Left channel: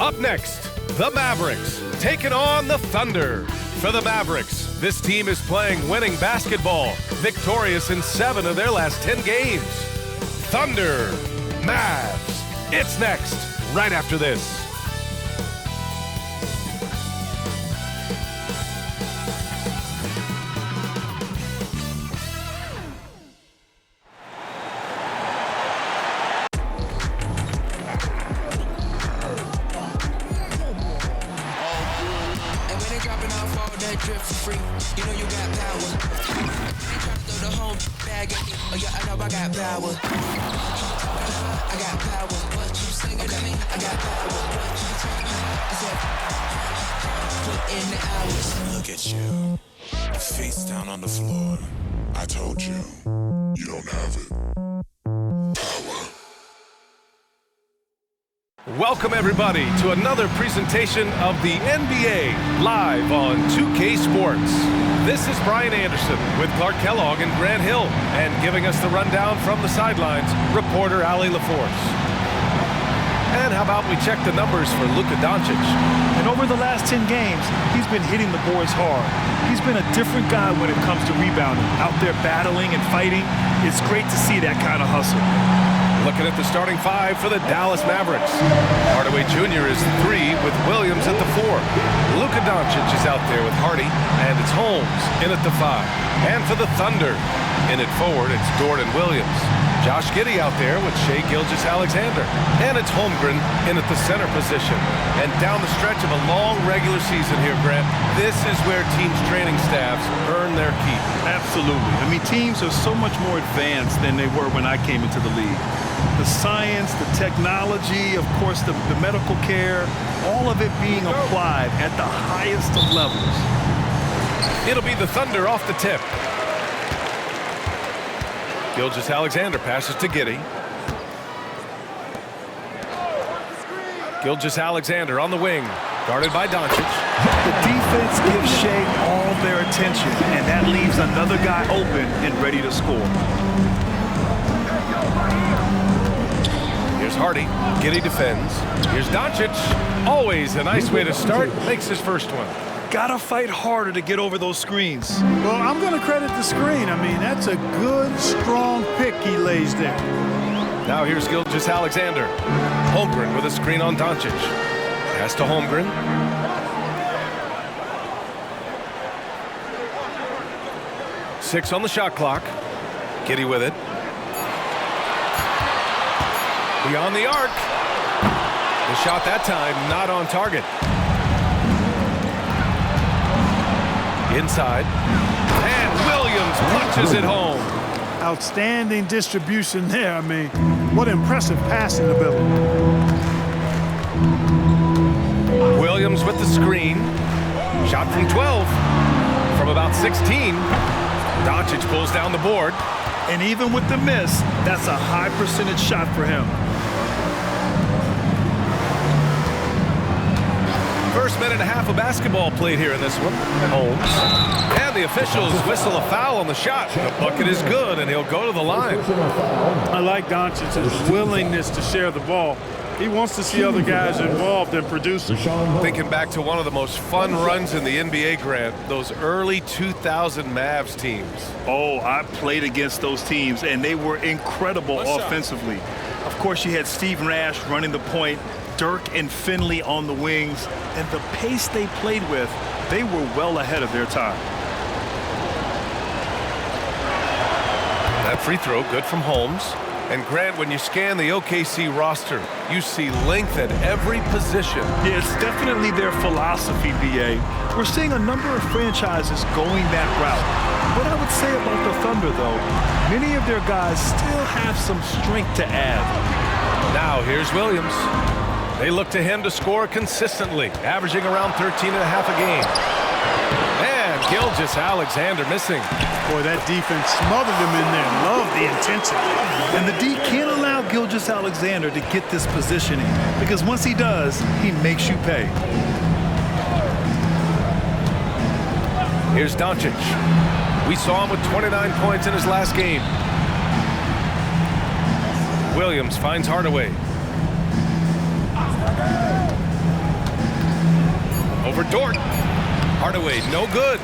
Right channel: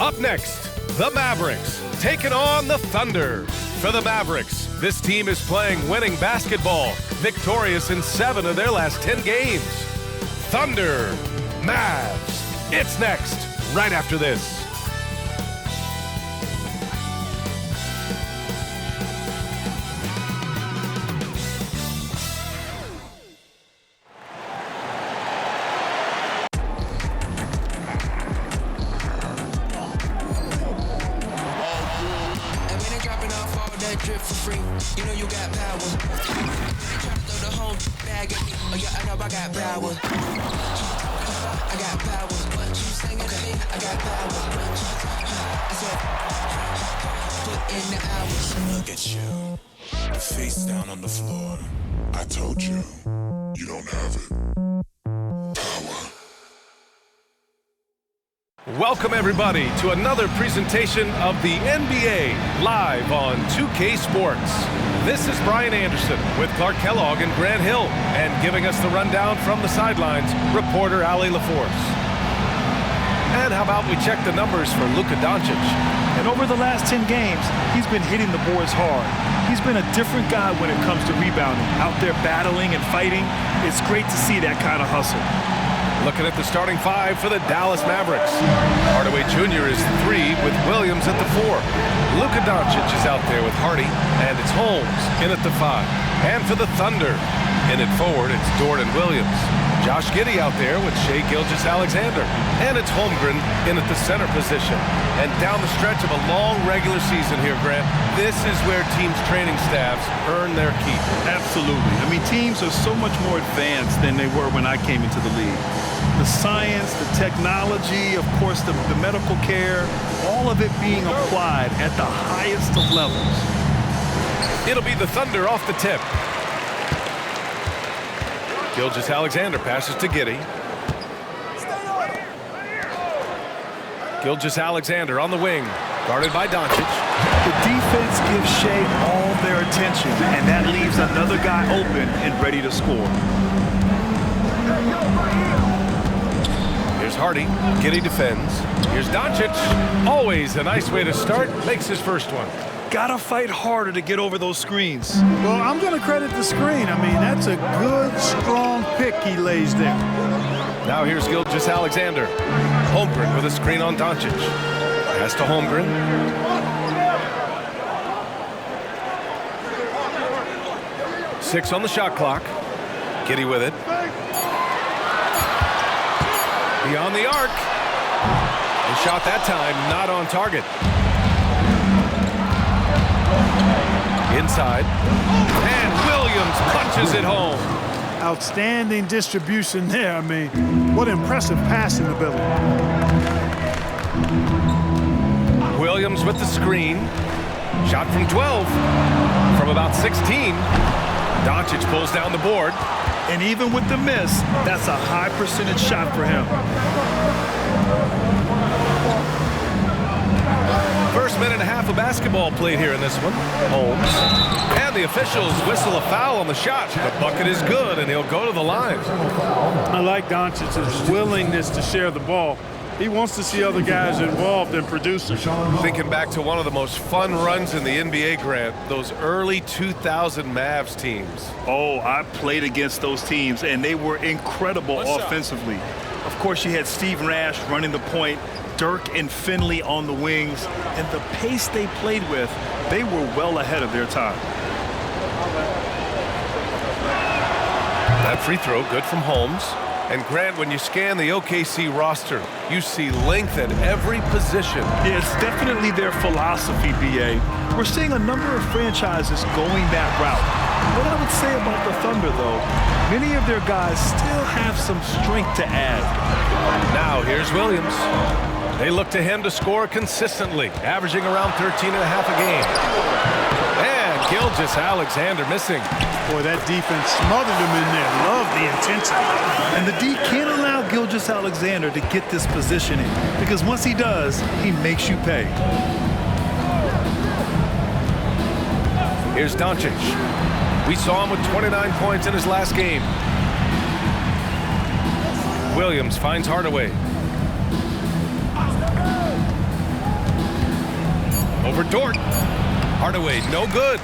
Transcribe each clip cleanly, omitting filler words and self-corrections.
Up next, the Mavericks taking on the Thunder. For the Mavericks, this team is playing winning basketball, victorious in 7 of their last 10 games. Thunder, Mavs. It's next, right after this. Drip for free, you know you got power. They try to throw the whole bag at me. Oh yeah, I know I got power. I got power. Okay, I got power. I said, put in the hours. Look at you, face down on the floor. I told you, you don't have it. Welcome, everybody, to another presentation of the NBA live on 2K Sports. This is Brian Anderson with Clark Kellogg and Grant Hill, and giving us the rundown from the sidelines, reporter Ali LaForce. And how about we check the numbers for Luka Doncic? And over the last 10 games, he's been hitting the boards hard. He's been a different guy when it comes to rebounding, out there battling and fighting. It's great to see that kind of hustle. Looking at the starting 5 for the Dallas Mavericks. Hardaway Jr. is the 3 with Williams at the 4. Luka Doncic is out there with Hardy, and it's Holmes in at the 5. And for the Thunder, in at forward, it's Dort and Williams. Josh Giddey out there with Shai Gilgeous-Alexander. And it's Holmgren in at the center position. And down the stretch of a long regular season here, Grant, this is where teams' training staffs earn their keep. Absolutely. I mean, teams are so much more advanced than they were when I came into the league. The science, the technology, of course, the medical care, all of it being applied at the highest of levels. It'll be the Thunder off the tip. Gilgeous-Alexander passes to Giddey. Gilgeous-Alexander on the wing, guarded by Doncic. The defense gives Shai all their attention, and that leaves another guy open and ready to score. Here's Hardy. Giddey defends. Here's Doncic. Always a nice way to start. Makes his first one. Gotta fight harder to get over those screens. Well, I'm going to credit the screen. I mean, that's a good, strong pick he lays there. Now here's Gilgeous-Alexander. Holmgren with a screen on Doncic. Pass to Holmgren. Six on the shot clock. Giddey with it. Beyond the arc. The shot that time not on target. Inside. And Williams punches it home. Outstanding distribution there. I mean, what impressive passing ability. Williams with the screen. Shot from 12. From about 16. Doncic pulls down the board. And even with the miss, that's a high percentage shot for him. First minute and a half of basketball played here in this one. Holmes. And the officials whistle a foul on the shot. The bucket is good, and he'll go to the line. I like Doncic's willingness to share the ball. He wants to see other guys involved and produce. Thinking back to one of the most fun runs in the NBA, Grant, those early 2000 Mavs teams. Oh, I played against those teams, and they were incredible offensively. Of course, you had Steve Nash running the point, Dirk and Finley on the wings, and the pace they played with, they were well ahead of their time. That free throw, good from Holmes. And Grant, when you scan the OKC roster, you see length at every position. Yeah, it's definitely their philosophy, B.A. We're seeing a number of franchises going that route. What I would say about the Thunder, though, many of their guys still have some strength to add. Now here's Williams. They look to him to score consistently, averaging around 13 and a half a game. And Gilgeous-Alexander missing. Boy, that defense smothered him in there. Love the intensity. And the D can't allow Gilgeous-Alexander to get this positioning, because once he does, he makes you pay. Here's Doncic. We saw him with 29 points in his last game. Williams finds Hardaway. Over Dort. Hardaway, no good.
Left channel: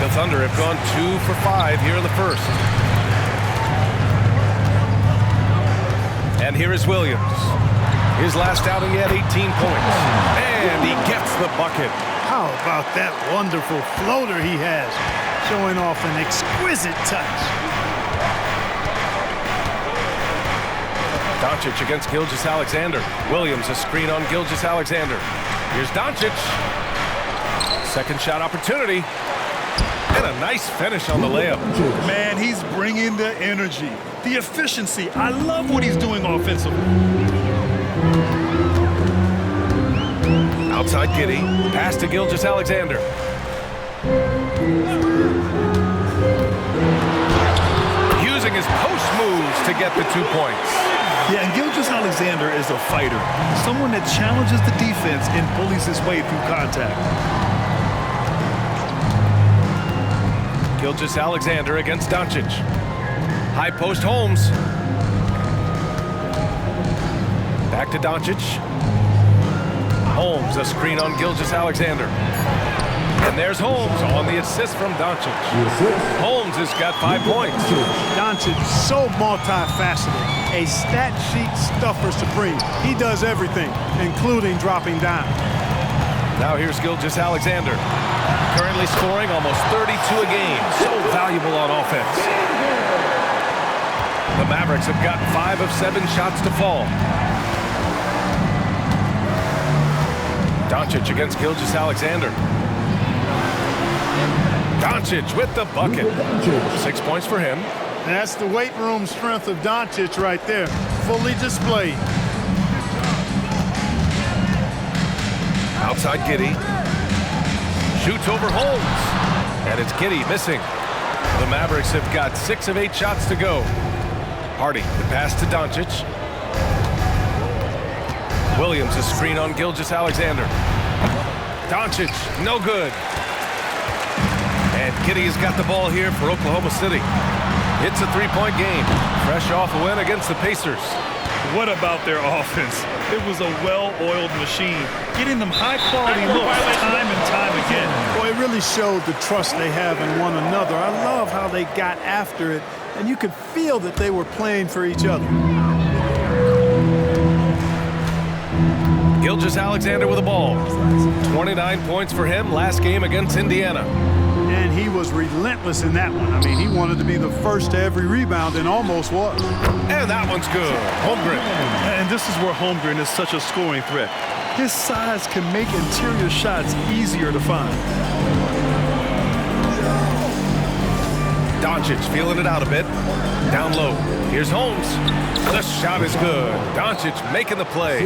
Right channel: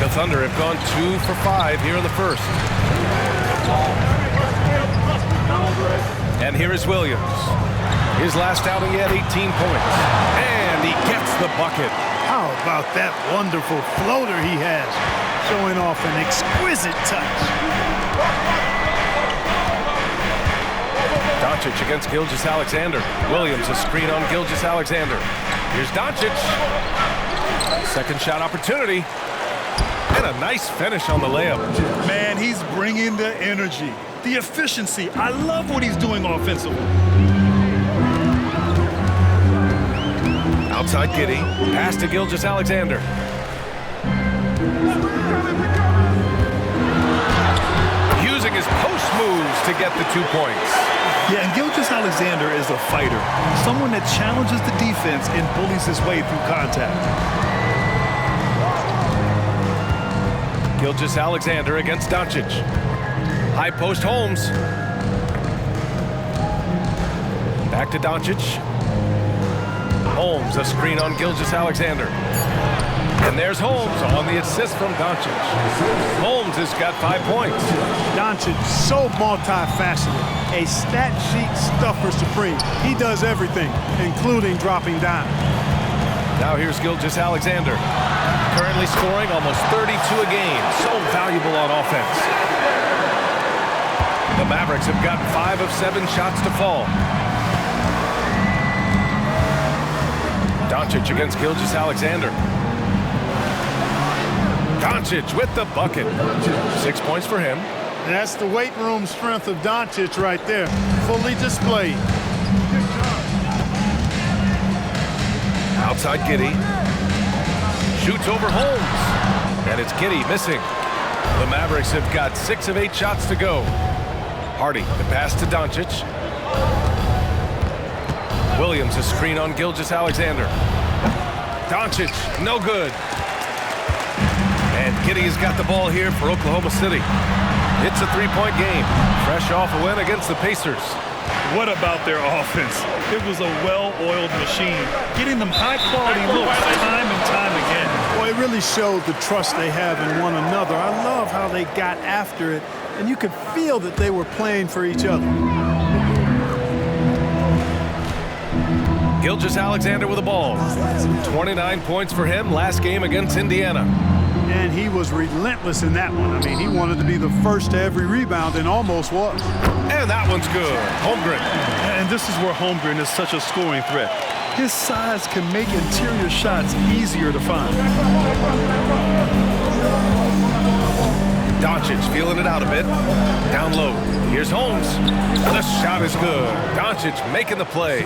The Thunder have gone 2 for 5 here in the first. And here is Williams. His last outing, he had 18 points. And he gets the bucket. How about that wonderful floater he has, showing off an exquisite touch. Doncic against Gilgeous-Alexander. Williams, a screen on Gilgeous-Alexander. Here's Doncic. Second shot opportunity. And a nice finish on the layup. Man, he's bringing the energy, the efficiency. I love what he's doing offensively. Outside Giddey. Pass to Gilgeous-Alexander. Using his post moves to get the 2 points. Yeah, and Gilgeous-Alexander is a fighter, someone that challenges the defense and bullies his way through contact. Gilgeous-Alexander against Doncic. High post Holmes. Back to Doncic. Holmes, a screen on Gilgeous-Alexander. And there's Holmes on the assist from Doncic. Holmes has got 5 points. Doncic, so multifaceted, a stat sheet stuffer supreme. He does everything, including dropping down. Now here's Gilgeous-Alexander. Currently scoring almost 32 a game. So valuable on offense. The Mavericks have gotten 5 of 7 shots to fall. Doncic against Gilgeous-Alexander. Doncic with the bucket. 6 points for him. And that's the weight room strength of Doncic right there, fully displayed. Outside Giddey. Shoots over Holmes. And it's Giddey missing. The Mavericks have got 6 of 8 shots to go. Hardy, the pass to Doncic. Williams, a screen on Gilgeous-Alexander. Doncic, no good. And Giddey has got the ball here for Oklahoma City. It's a 3-point game. Fresh off a win against the Pacers. What about their offense? It was a well-oiled machine, getting them high-quality looks time and time again. Well, it really showed the trust they have in one another. I love how they got after it, and you could feel that they were playing for each other. Gilgeous-Alexander with the ball. 29 points for him last game against Indiana. And he was relentless in that one. I mean, he wanted to be the first to every rebound and almost was. And that one's good. Holmgren. And this is where Holmgren is such a scoring threat. His size can make interior shots easier to find. Doncic feeling it out a bit. Down low. Here's Holmes. The shot is good. Doncic making the play.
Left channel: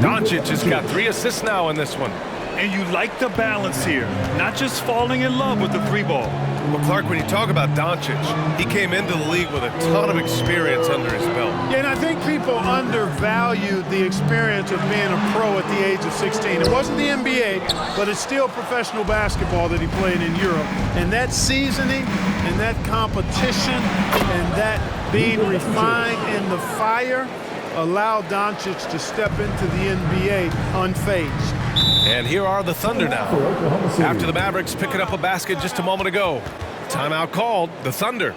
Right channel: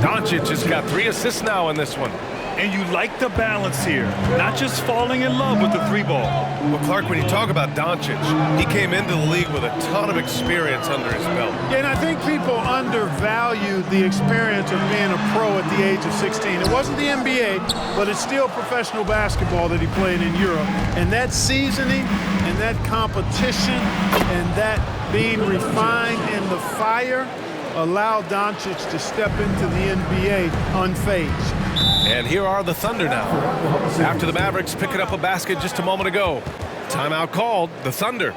Doncic has got 3 assists now in this one. And you like the balance here, not just falling in love with the 3-ball. Well, Clark, when you talk about Doncic, he came into the league with a ton of experience under his belt. Yeah, and I think people undervalued the experience of being a pro at the age of 16. It wasn't the NBA, but it's still professional basketball that he played in Europe. And that seasoning and that competition and that being refined in the fire allowed Doncic to step into the NBA unfazed. And here are the Thunder now. After the Mavericks picking up a basket just a moment ago. Timeout called, the Thunder.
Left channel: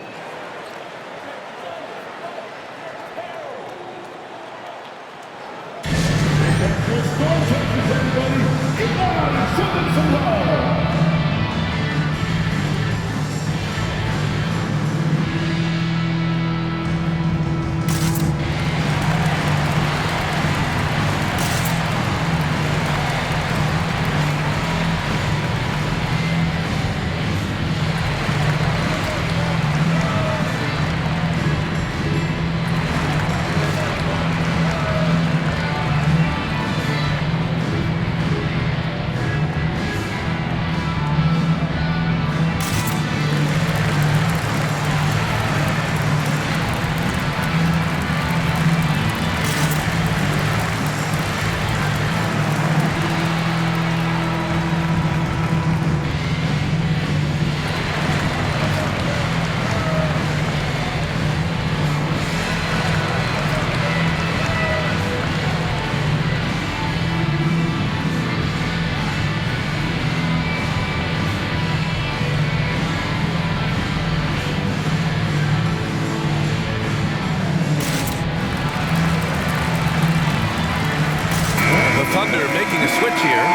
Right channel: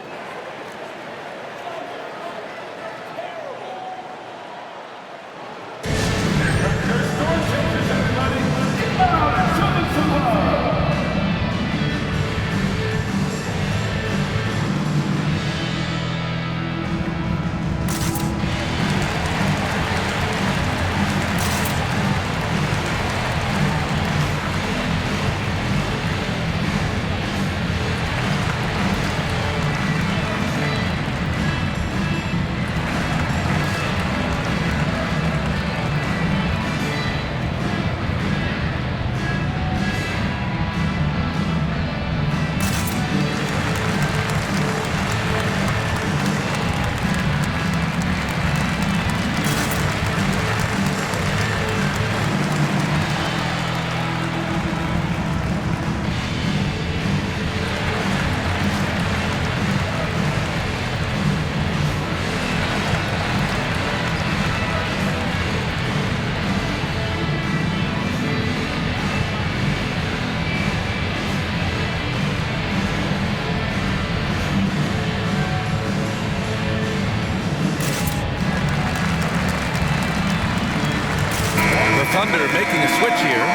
Thunder making a switch here.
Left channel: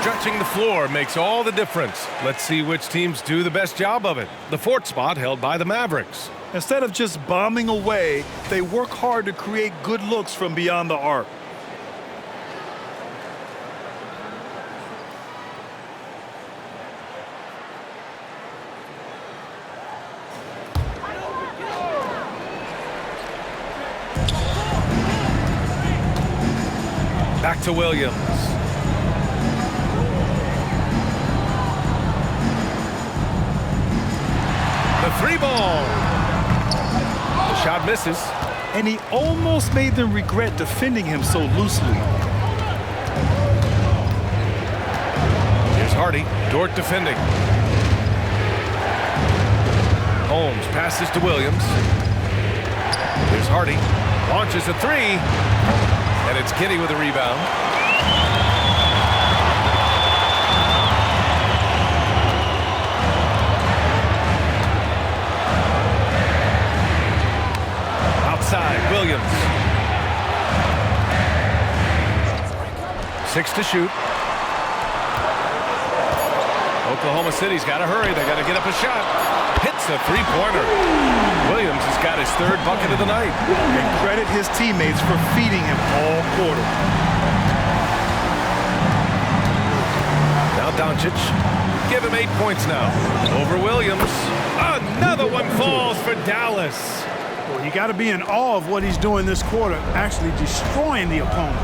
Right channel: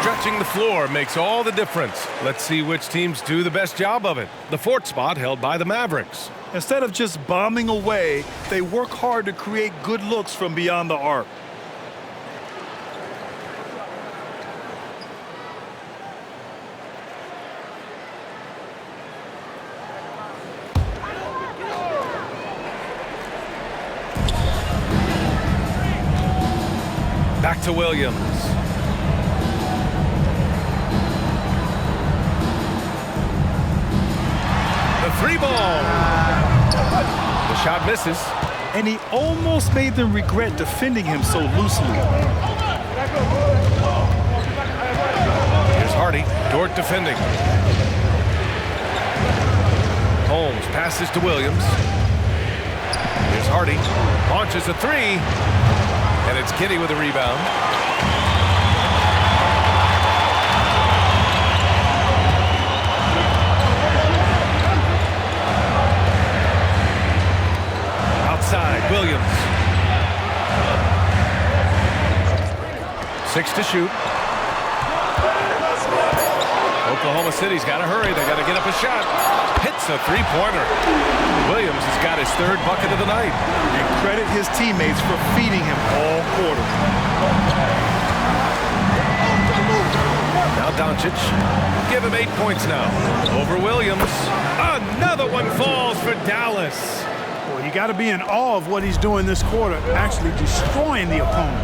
Stretching the floor makes all the difference. Let's see which teams do the best job of it. The fourth spot held by the Mavericks. Instead of just bombing away, they work hard to create good looks from beyond the arc. Back to Williams. The three ball. The shot misses. And he almost made them regret defending him so loosely. Here's Hardy. Dort defending. Holmes passes to Williams. Here's Hardy. Launches a three. And it's Giddy with a rebound. Outside, Williams. 6 to shoot. Oklahoma City's got to hurry. They got to get up a shot. Hits a three-pointer. Williams has got his third bucket of the night. And credit his teammates for feeding him all quarter. Now Doncic. Give him 8 points now. Over Williams. Another one falls for Dallas. Well, you got to be in awe of what he's doing this quarter, actually destroying the opponent.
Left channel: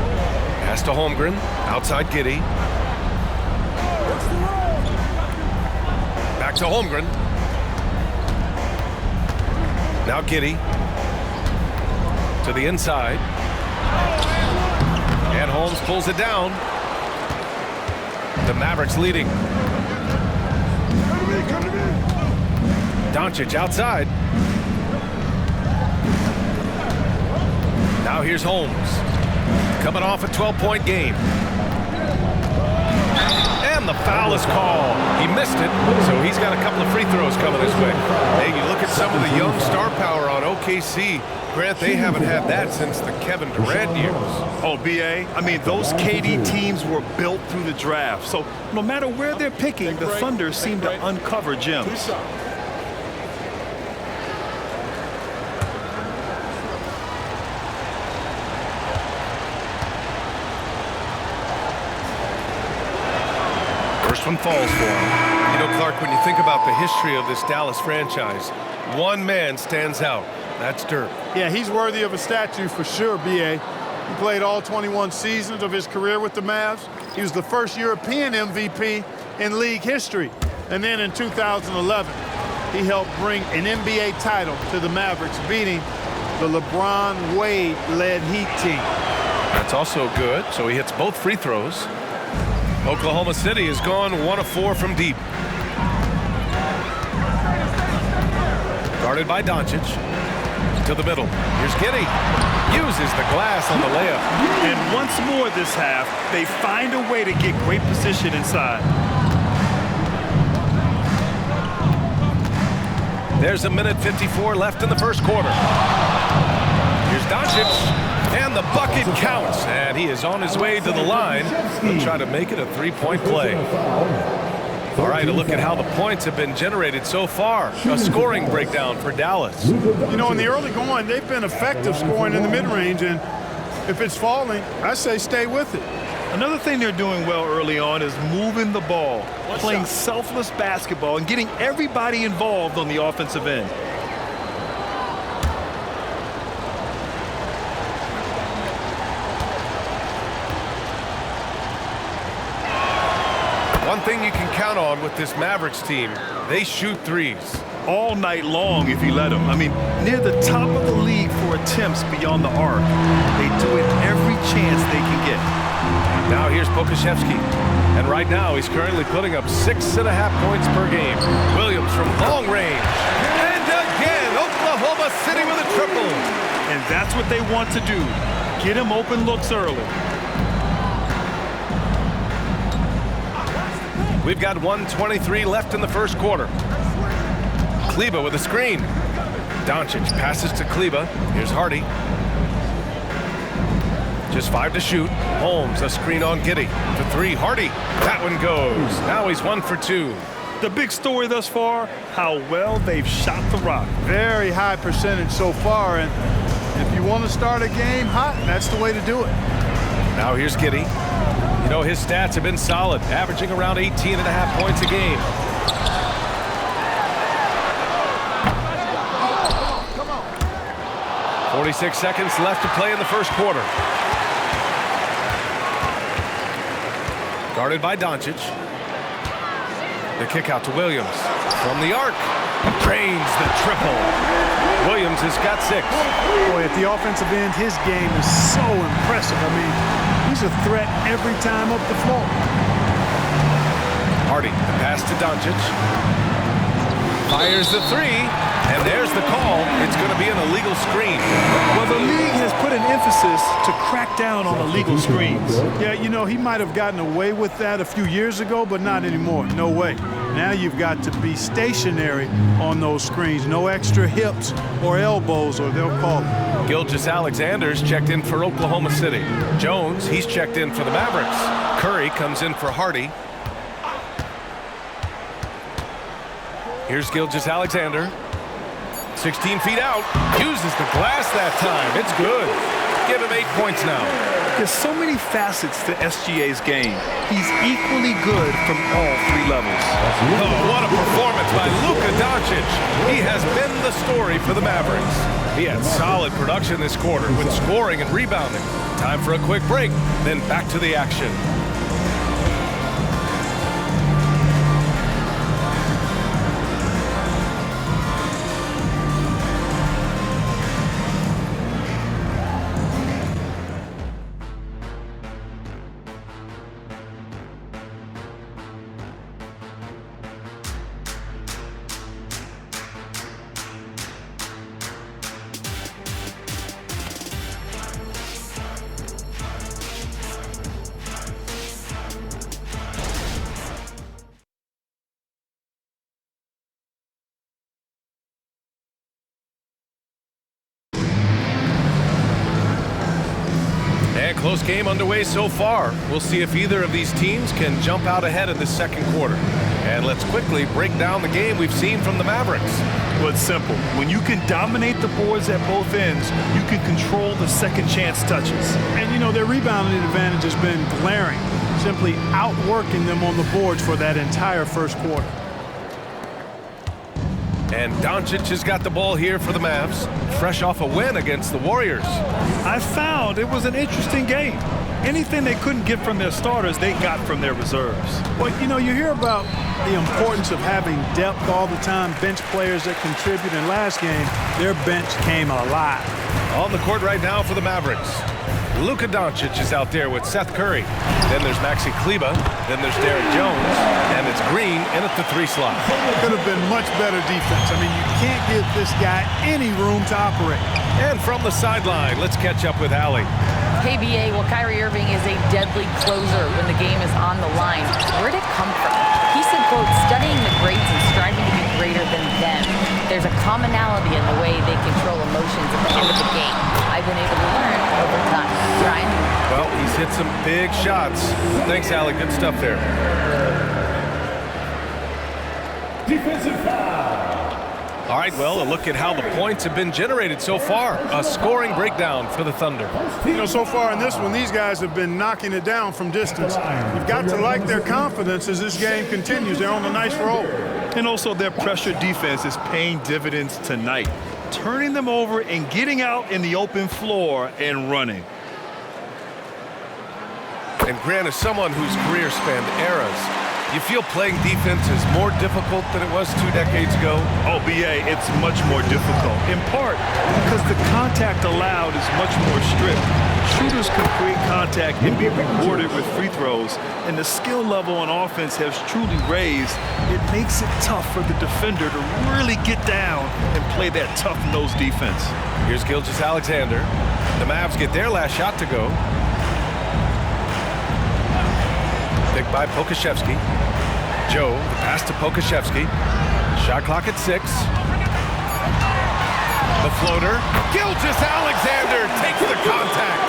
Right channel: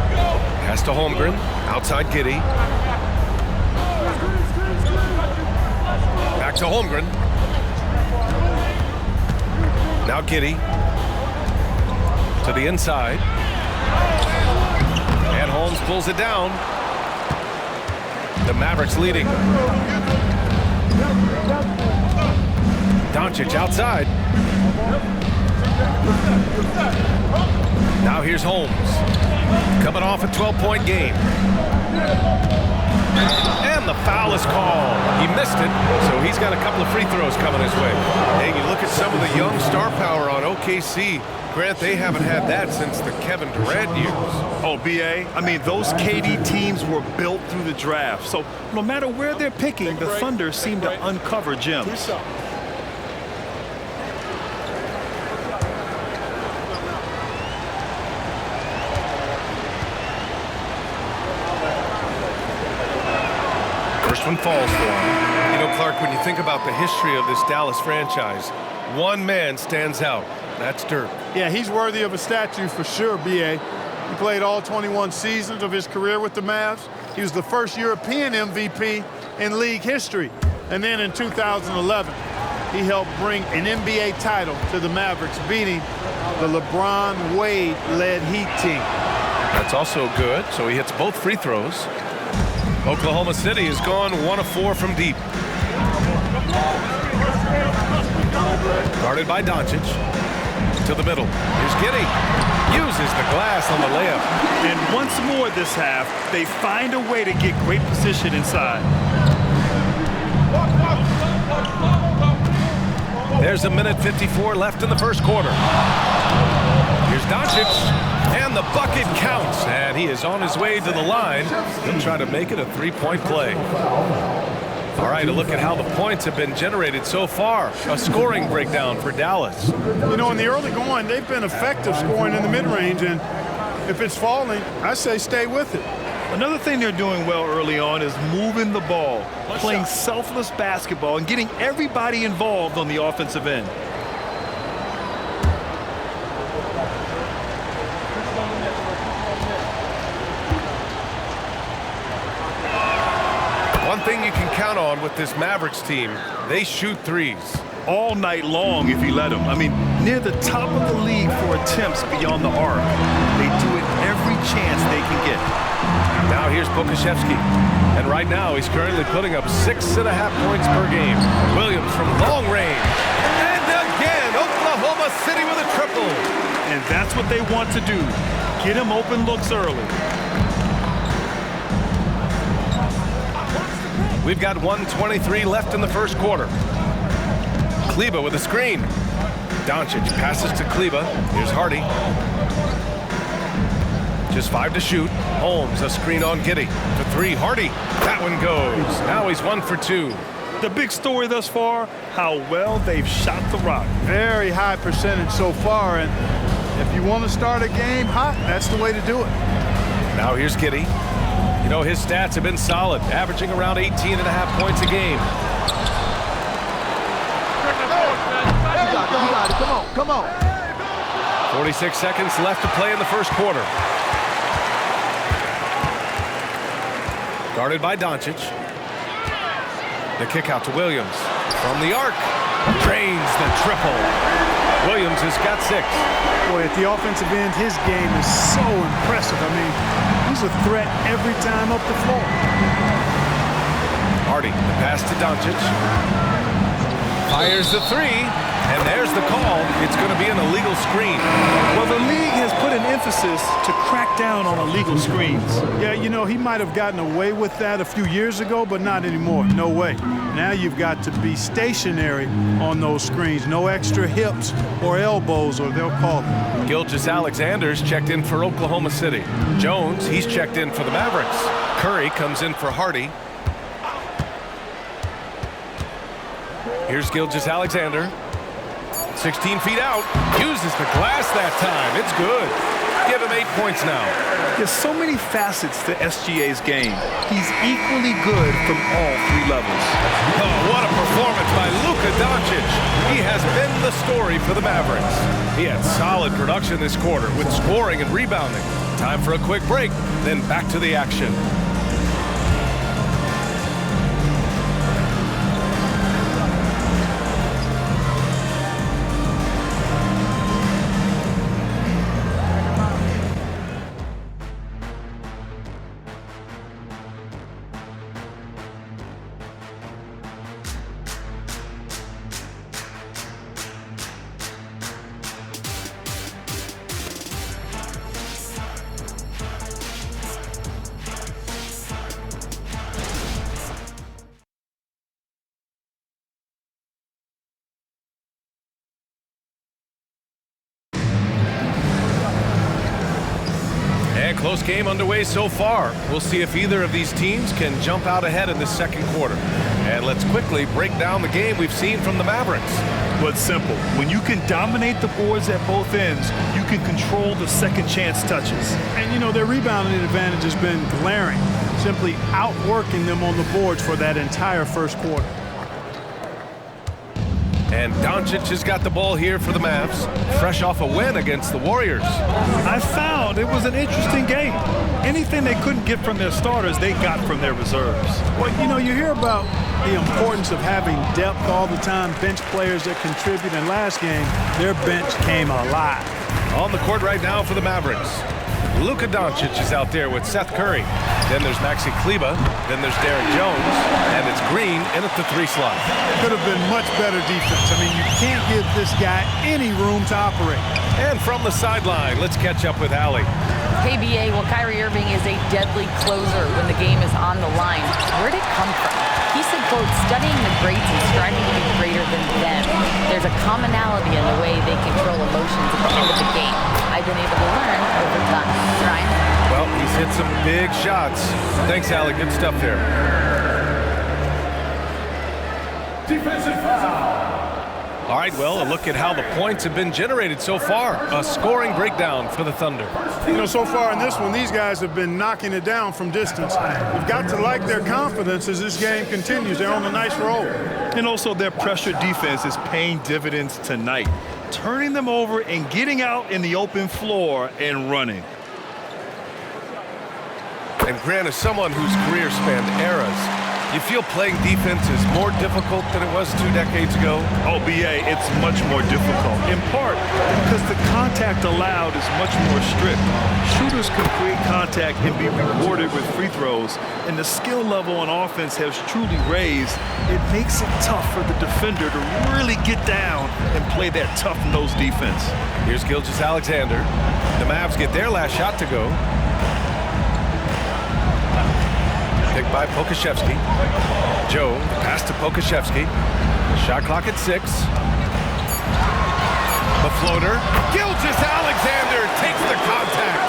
Pass to Holmgren. Outside Giddy. Back to Holmgren. Now Giddy to the inside. And Holmes pulls it down. The Mavericks leading. Doncic outside. Now here's Holmes. Coming off a 12-point game. And the foul is called. He missed it, so he's got a couple of free throws coming his way. Hey, you look at some of the young star power on OKC. Grant, they haven't had that since the Kevin Durant years. Oh, B.A., I mean, those KD teams were built through the draft. So no matter where they're picking, the Thunder seem to uncover gems. First one falls for him. You know, Clark, when you think about the history of this Dallas franchise, one man stands out. That's Dirk. Yeah, he's worthy of a statue for sure, B.A. He played all 21 seasons of his career with the Mavs. He was the first European MVP in league history. And then in 2011, he helped bring an NBA title to the Mavericks, beating the LeBron Wade-led Heat team. That's also good, so he hits both free throws. Oklahoma City has gone 1 of 4 from deep. Guarded by Doncic. To the middle. Here's Giddy. Uses the glass on the layup. And once more this half, they find a way to get great position inside. There's 1:54 left in the first quarter. Here's Doncic. And the bucket counts. And he is on his way to the line. He'll try to make it a three-point play. All right, a look at how the points have been generated so far. A scoring breakdown for Dallas. You know, in the early going, they've been effective scoring in the mid-range, and if it's falling, I say stay with it. Another thing they're doing well early on is moving the ball, playing selfless basketball, and getting everybody involved on the offensive end. One thing you can count on with this Mavericks team, they shoot threes. All night long if you let them. I mean, near the top of the league for attempts beyond the arc. They do it every chance they can get. Now here's Pokashevsky. And right now he's currently putting up 6.5 points per game. Williams from long range. And again, Oklahoma City with a triple. And that's what they want to do. Get him open looks early. We've got 1:23 left in the first quarter. Kleber with a screen. Doncic passes to Kleber. Here's Hardy. Just 5 to shoot. Holmes, a screen on Giddey. For 3, Hardy. That one goes. Now he's 1 for 2. The big story thus far, how well they've shot the rock. Very high percentage so far, and if you want to start a game hot, that's the way to do it. Now here's Giddey. You know, his stats have been solid, averaging around 18.5 points a game. Come on. 46 seconds left to play in the first quarter. Guarded by Doncic. The kick out to Williams. From the arc. Drains the triple. Williams has got 6. Boy, at the offensive end, his game is so impressive. I mean, he's a threat every time up the floor. Hardy, the pass to Doncic. Fires the 3. And there's the call. It's going to be an illegal screen. Well, the league has put an emphasis to crack down on illegal screens. Yeah, you know, he might have gotten away with that a few years ago, but not anymore. No way. Now you've got to be stationary on those screens. No extra hips or elbows, or they'll call it. Gilgeous-Alexander's checked in for Oklahoma City. Jones, he's checked in for the Mavericks. Curry comes in for Hardy. Here's Gilgeous-Alexander. 16 feet out. Uses the glass that time. It's good. Give him 8 points now. There's so many facets to SGA's game. He's equally good from all 3 levels. Oh, what a performance by Luka Doncic. He has been the story for the Mavericks. He had solid production this quarter with scoring and rebounding. Time for a quick break, then back to the action. And close game underway so far. We'll see if either of these teams can jump out ahead in this second quarter. And let's quickly break down the game we've seen from the Mavericks. Well, it's simple. When you can dominate the boards at both ends, you can control the second chance touches. And, you know, their rebounding advantage has been glaring, simply outworking them on the boards for that entire first quarter. And Doncic has got the ball here for the Mavs, fresh off a win against the Warriors. I found it was an interesting game. Anything they couldn't get from their starters, they got from their reserves. Well, you know, you hear about the importance of having depth all the time, bench players that contribute. In last game, their bench came alive. On the court right now for the Mavericks. Luka Doncic is out there with Seth Curry. Then there's Maxi Kleber. Then there's Derek Jones. And it's Green in at the 3 slot. Could have been much better defense. I mean, you can't give this guy any room to operate. And from the sideline, let's catch up with Allie. Hey, BA, well, Kyrie Irving is a deadly closer when the game is on the line. Where'd it come from? He said, quote, studying the greats and striving to be greater than them. There's a commonality in the way they control emotions at the end of the game. I've been able to learn over time. Ryan? Well, he's hit some big shots. Thanks, Allie. Good stuff there. Defensive foul. All right, well, a look at how the points have been generated so far. A scoring breakdown for the Thunder. You know, so far in this one, these guys have been knocking it down from distance. You've got to like their confidence as this game continues. They're on a nice roll. And also their pressure defense is paying dividends tonight, turning them over and getting out in the open floor and running. And Grant, as someone whose career spanned eras, you feel playing defense is more difficult than it was 2 decades ago? Oh, BA, it's much more difficult, in part because the contact allowed is much more strict. Shooters can create contact and be rewarded with free throws, and the skill level on offense has truly raised. It makes it tough for the defender to really get down and play that tough-nosed defense. Here's Gilgeous-Alexander. The Mavs get their last shot to go. Picked by Pokashevsky. Joe, the pass to Pokashevsky. Shot clock at 6. The floater. Gilgeous-Alexander takes the contact.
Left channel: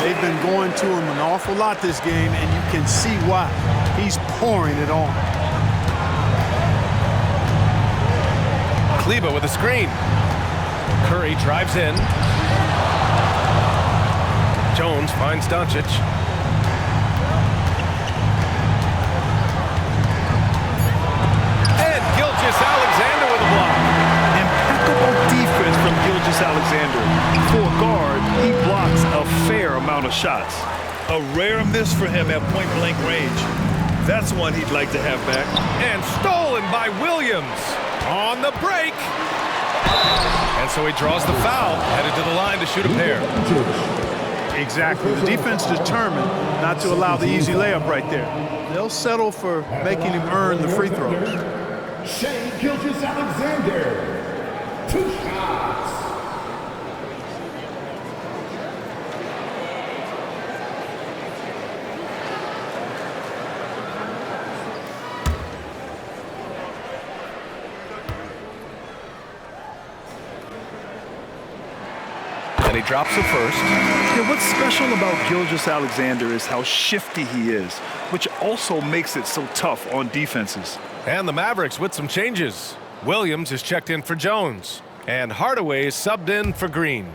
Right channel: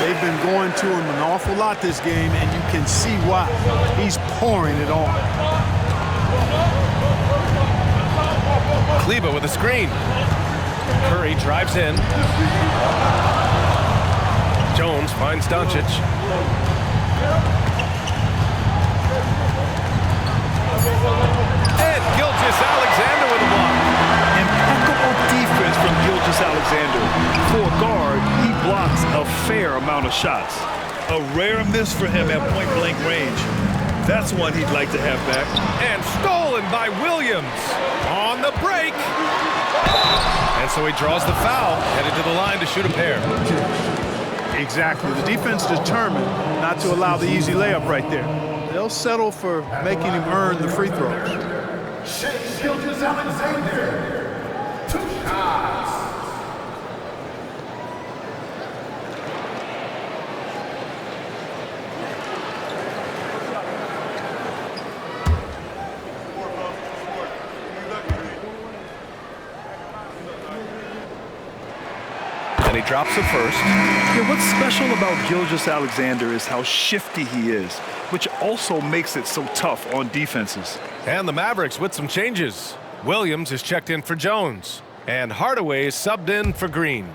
They've been going to him an awful lot this game, and you can see why. He's pouring it on. Kleba with a screen. Curry drives in. Jones finds Doncic. And Gilgeous-Alexander with a block. Impeccable defense from Gilgeous-Alexander. For a guard, he blocks a fair amount of shots. A rare miss for him at point-blank range. That's one he'd like to have back. And stolen by Williams on the break. And so he draws the foul, headed to the line to shoot a pair. Exactly. The defense determined not to allow the easy layup right there. They'll settle for making him earn the free throws. Shea Gilgeous-Alexander. 2 shots. And he drops the first. Yeah, what's special about Gilgeous-Alexander is how shifty he is, which also makes it so tough on defenses. And the Mavericks with some changes. Williams is checked in for Jones. And Hardaway is subbed in for Green.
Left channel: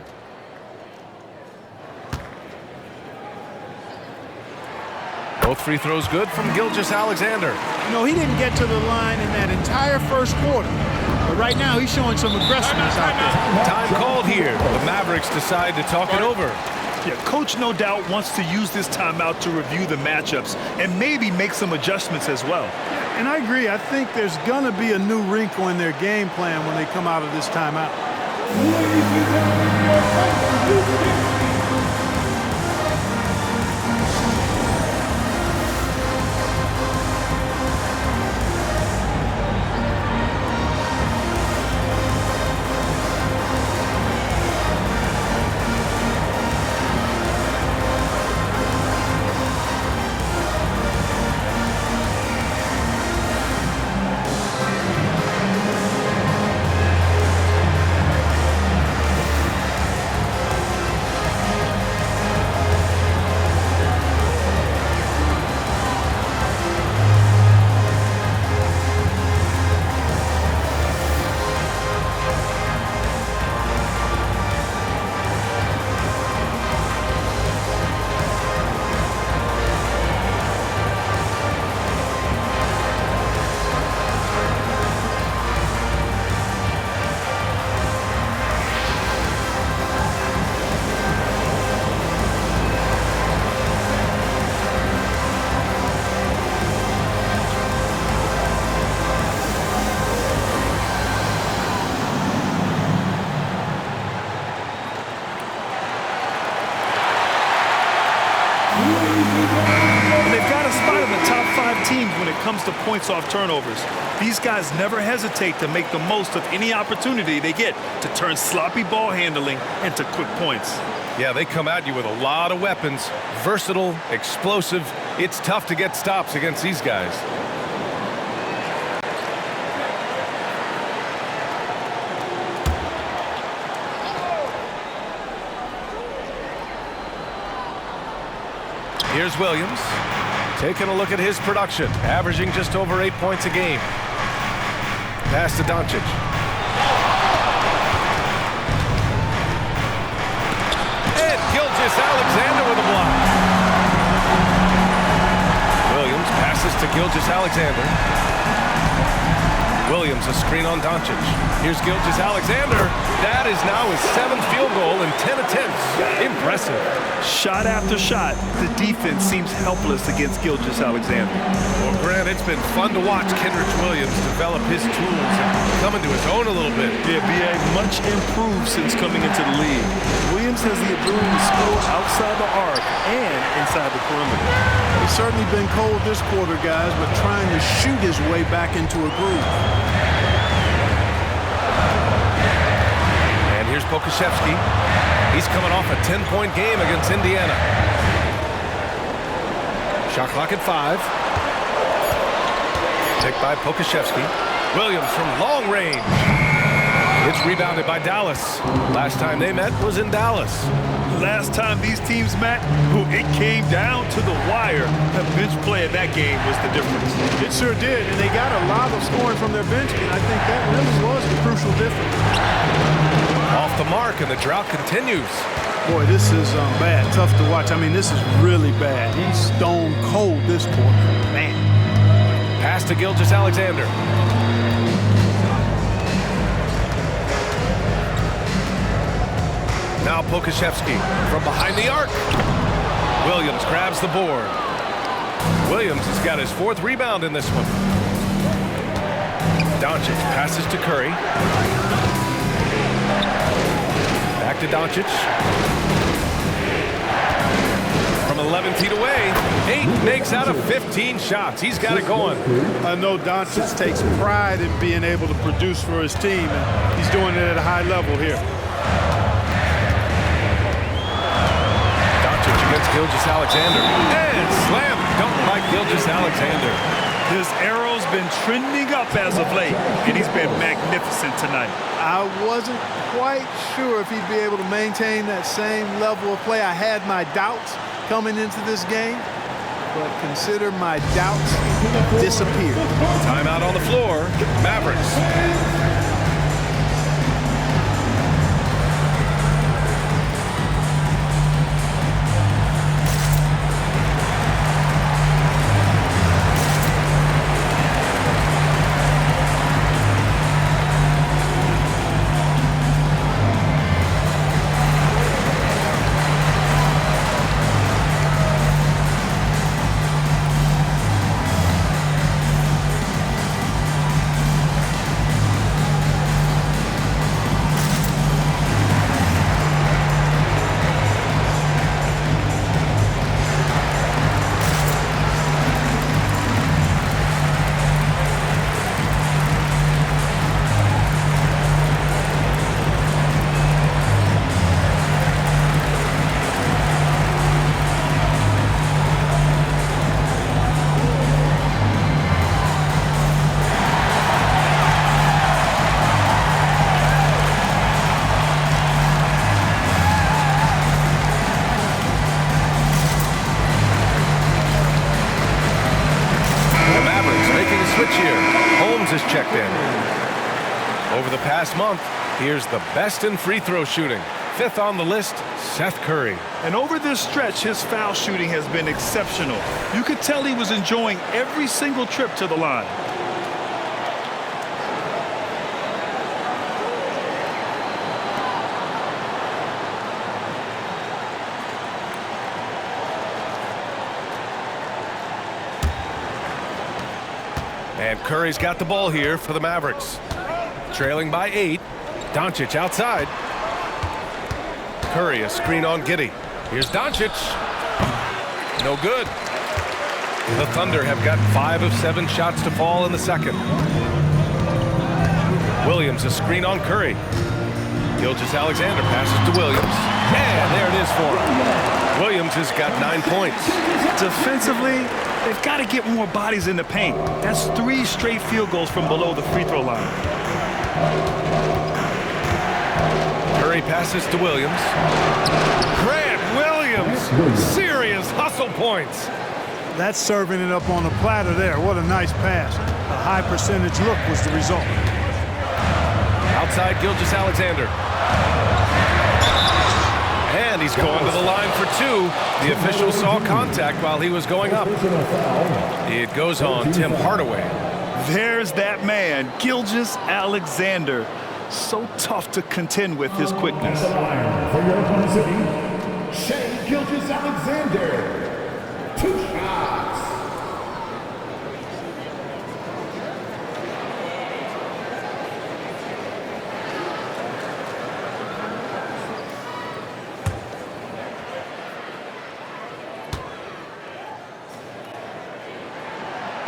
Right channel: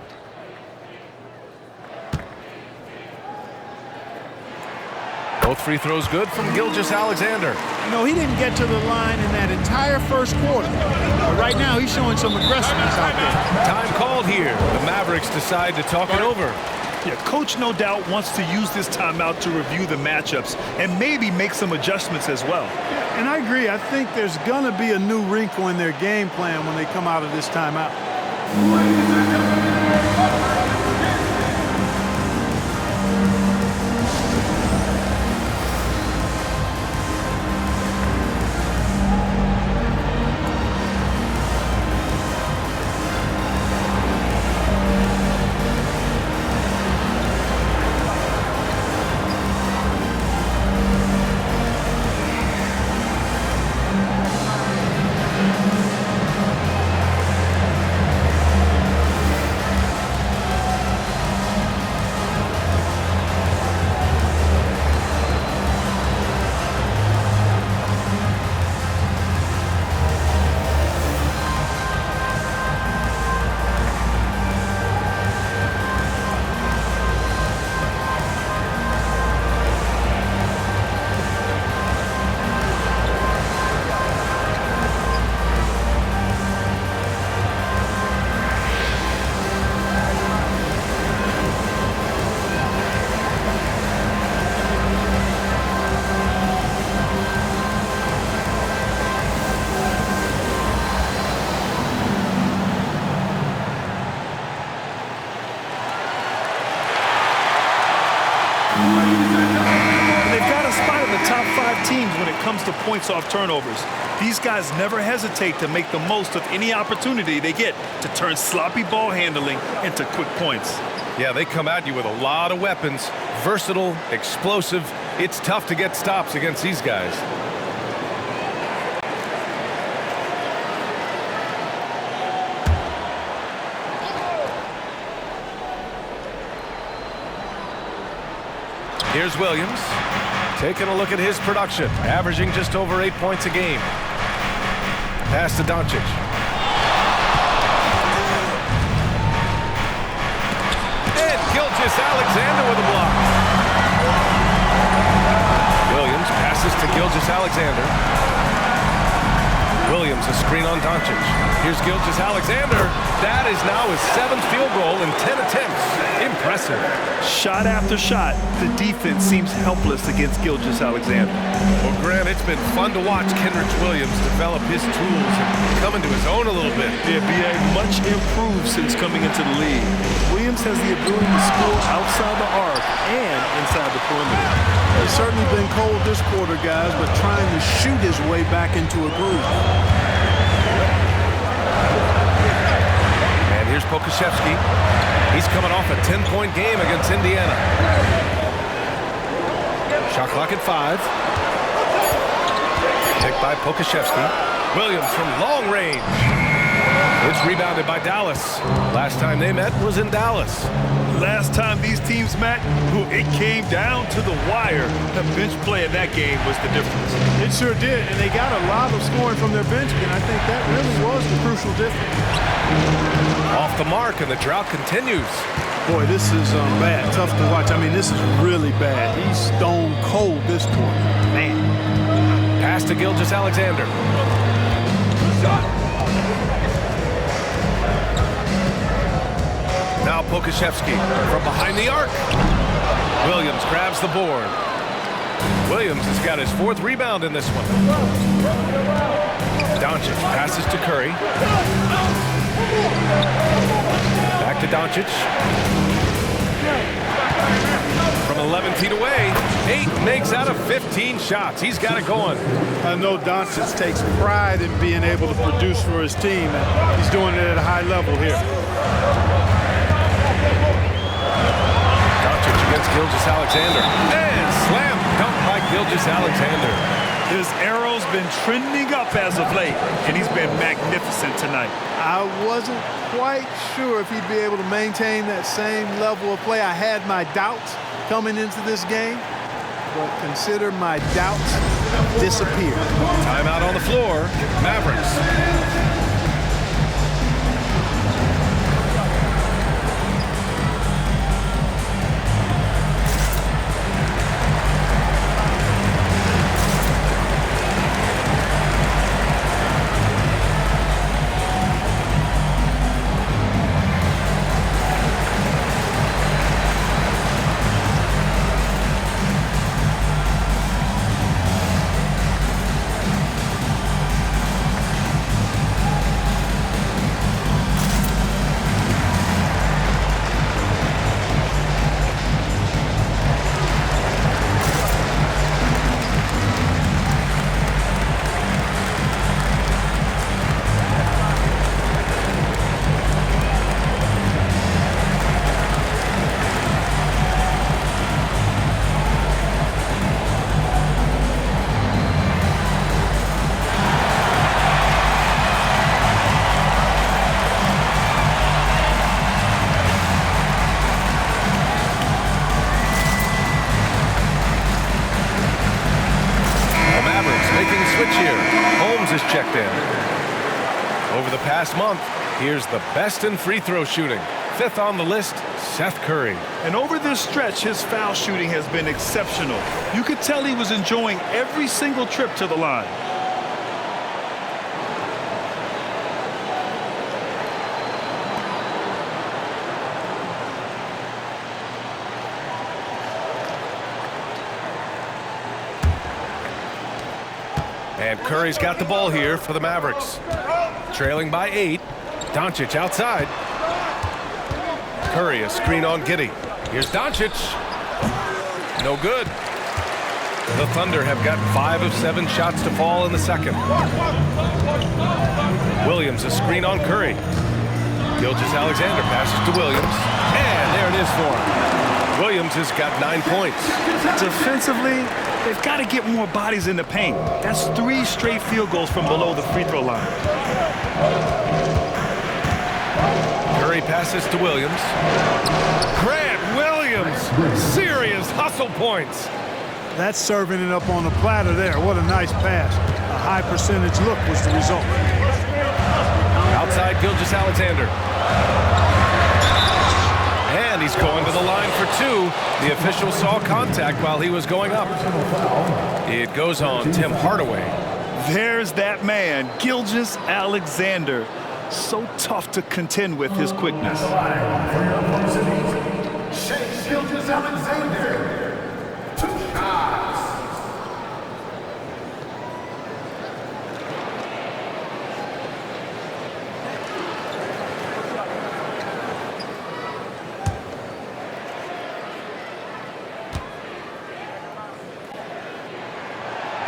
Both free throws good from Gilgeous-Alexander. You know, he didn't get to the line in that entire first quarter. But right now, he's showing some aggressiveness out there. Time called here. The Mavericks decide to talk it over. Yeah, coach no doubt wants to use this timeout to review the matchups and maybe make some adjustments as well. Yeah, and I agree. I think there's going to be a new wrinkle in their game plan when they come out of this timeout. Ladies and gentlemen, your fighter is And they've got a spot in the top 5 teams when it comes to points off turnovers. These guys never hesitate to make the most of any opportunity they get to turn sloppy ball handling into quick points. Yeah, they come at you with a lot of weapons. Versatile, explosive. It's tough to get stops against these guys. Here's Williams, taking a look at his production, averaging just over 8 points a game. Pass to Doncic. And Gilgeous-Alexander with a block. Williams passes to Gilgeous-Alexander. Williams, a screen on Doncic. Here's Gilgeous-Alexander. That is now his 7th field goal in 10 attempts. Impressive. Shot after shot, the defense seems helpless against Gilgeous-Alexander. Well, Grant, it's been fun to watch Kenrich Williams develop his tools and come into his own a little bit. Yeah, B.A. much improved since coming into the league. Williams has the ability to score outside the arc and inside the perimeter. He's certainly been cold this quarter, guys, but trying to shoot his way back into a groove. And here's Pokusevski. He's coming off a 10-point game against Indiana. Shot clock at 5. Take by Pokusevski. Williams from long range. It's rebounded by Dallas. Last time they met was in Dallas. Last time these teams met, it came down to the wire. The bench play in that game was the difference. It sure did, and they got a lot of scoring from their bench, and I think that really was the crucial difference. Off the mark, and the drought continues. Boy, this is bad. Tough to watch. I mean, this is really bad. He's stone cold this quarter. Man. Pass to Gilgeous-Alexander. Now Pokashevsky from behind the arc. Williams grabs the board. Williams has got his 4th rebound in this one. Doncic passes to Curry. Back to Doncic. From 11 feet away, 8 makes out of 15 shots. He's got it going. I know Doncic takes pride in being able to produce for his team, and he's doing it at a high level here. Doncic against Gilgeous-Alexander. And slam dunk by Gilgeous-Alexander. His arrow's been trending up as of late, and he's been magnificent tonight. I wasn't quite sure if he'd be able to maintain that same level of play. I had my doubts coming into this game, but consider my doubts disappeared. Timeout on the floor. Mavericks. Making a switch here. Holmes is checked in. Over the past month, here's the best in free throw shooting. 5th on the list, Seth Curry. And over this stretch, his foul shooting has been exceptional. You could tell he was enjoying every single trip to the line. And Curry's got the ball here for the Mavericks. Trailing by 8. Doncic outside. Curry, a screen on Giddey. Here's Doncic. No good. The Thunder have gotten 5 of 7 shots to fall in the second. Williams, a screen on Curry. Gilgeous-Alexander passes to Williams. And there it is for him. Williams has got 9 points. Defensively, they've got to get more bodies in the paint. That's 3 straight field goals from below the free throw line. Curry passes to Williams. Grant Williams, serious hustle points. That's serving it up on a platter there. What a nice pass. A high percentage look was the result. Outside Gilgeous-Alexander. And he's going to the line for 2. The official saw contact while he was going up. It goes on Tim Hardaway. There's that man, Gilgeous-Alexander. So tough to contend with his quickness. For your opponent's city, Shea Gilgeous-Alexander. 2 shots.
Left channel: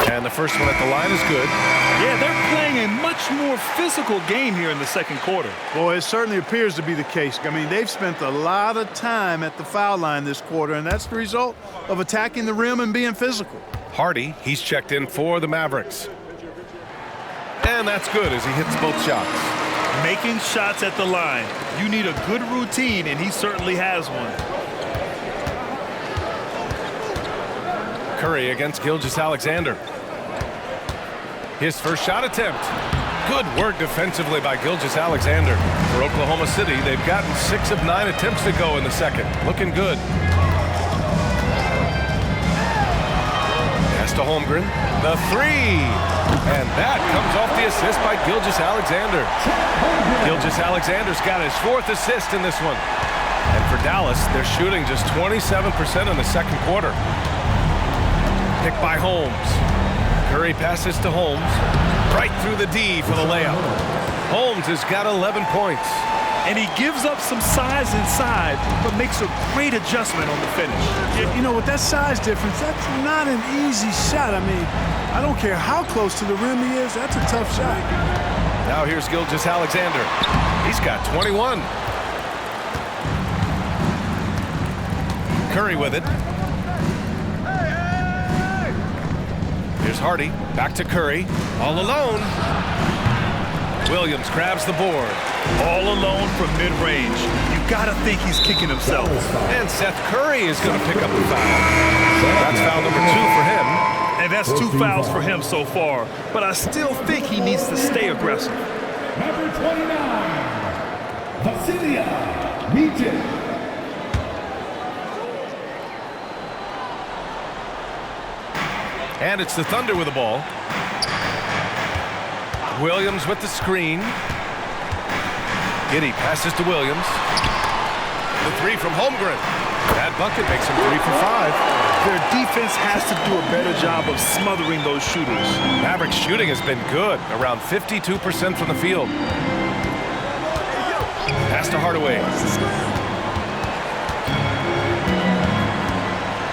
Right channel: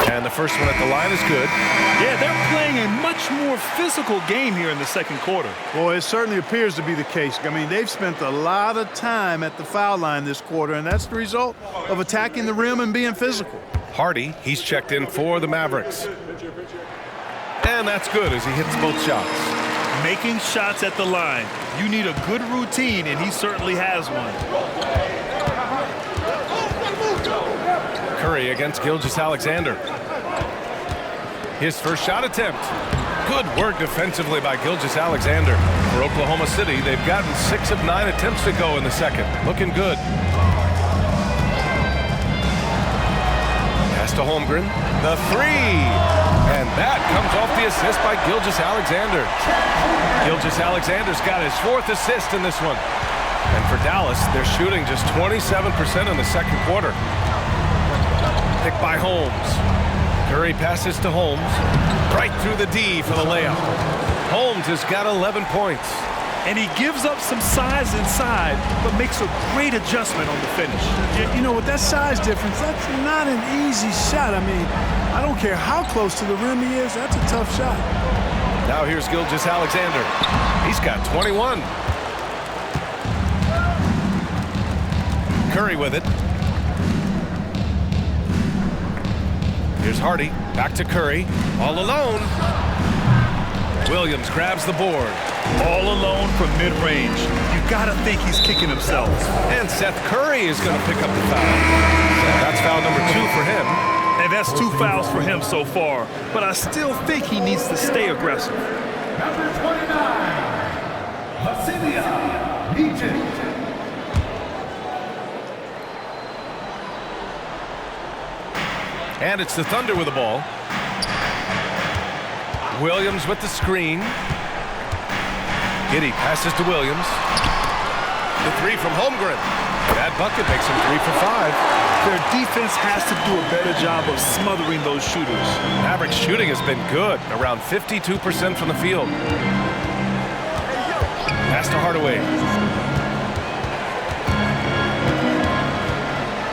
And the first one at the line is good. Yeah, they're playing a much more physical game here in the second quarter. Boy, it certainly appears to be the case. I mean, they've spent a lot of time at the foul line this quarter, and that's the result of attacking the rim and being physical. Hardy, he's checked in for the Mavericks. And that's good as he hits both shots. Making shots at the line. You need a good routine, and he certainly has one. Curry against Gilgeous-Alexander. His first shot attempt. Good work defensively by Gilgeous-Alexander. For Oklahoma City, they've gotten 6 of 9 attempts to go in the second. Looking good. Pass to Holmgren. The 3. And that comes off the assist by Gilgeous-Alexander. Gilgeous-Alexander's got his 4th assist in this one. And for Dallas, they're shooting just 27% in the second quarter. Picked by Holmes. Curry passes to Holmes. Right through the D for the layup. Holmes has got 11 points. And he gives up some size inside, but makes a great adjustment on the finish. You know, with that size difference, that's not an easy shot. I mean, I don't care how close to the rim he is, that's a tough shot. Now here's Gilgeous-Alexander. He's got 21. Curry with it. Here's Hardy, back to Curry, all alone. Williams grabs the board. All alone from mid-range. You gotta think he's kicking himself. And Seth Curry is gonna pick up the foul. That's foul number 2 for him. And that's 2 fouls for him so far. But I still think he needs to stay aggressive. Number 29, Vasilia Mijin. And it's the Thunder with the ball. Williams with the screen. Giddey passes to Williams. The 3 from Holmgren. That bucket makes him 3 for 5. Their defense has to do a better job of smothering those shooters. Mavericks shooting has been good, around 52% from the field. Pass to Hardaway.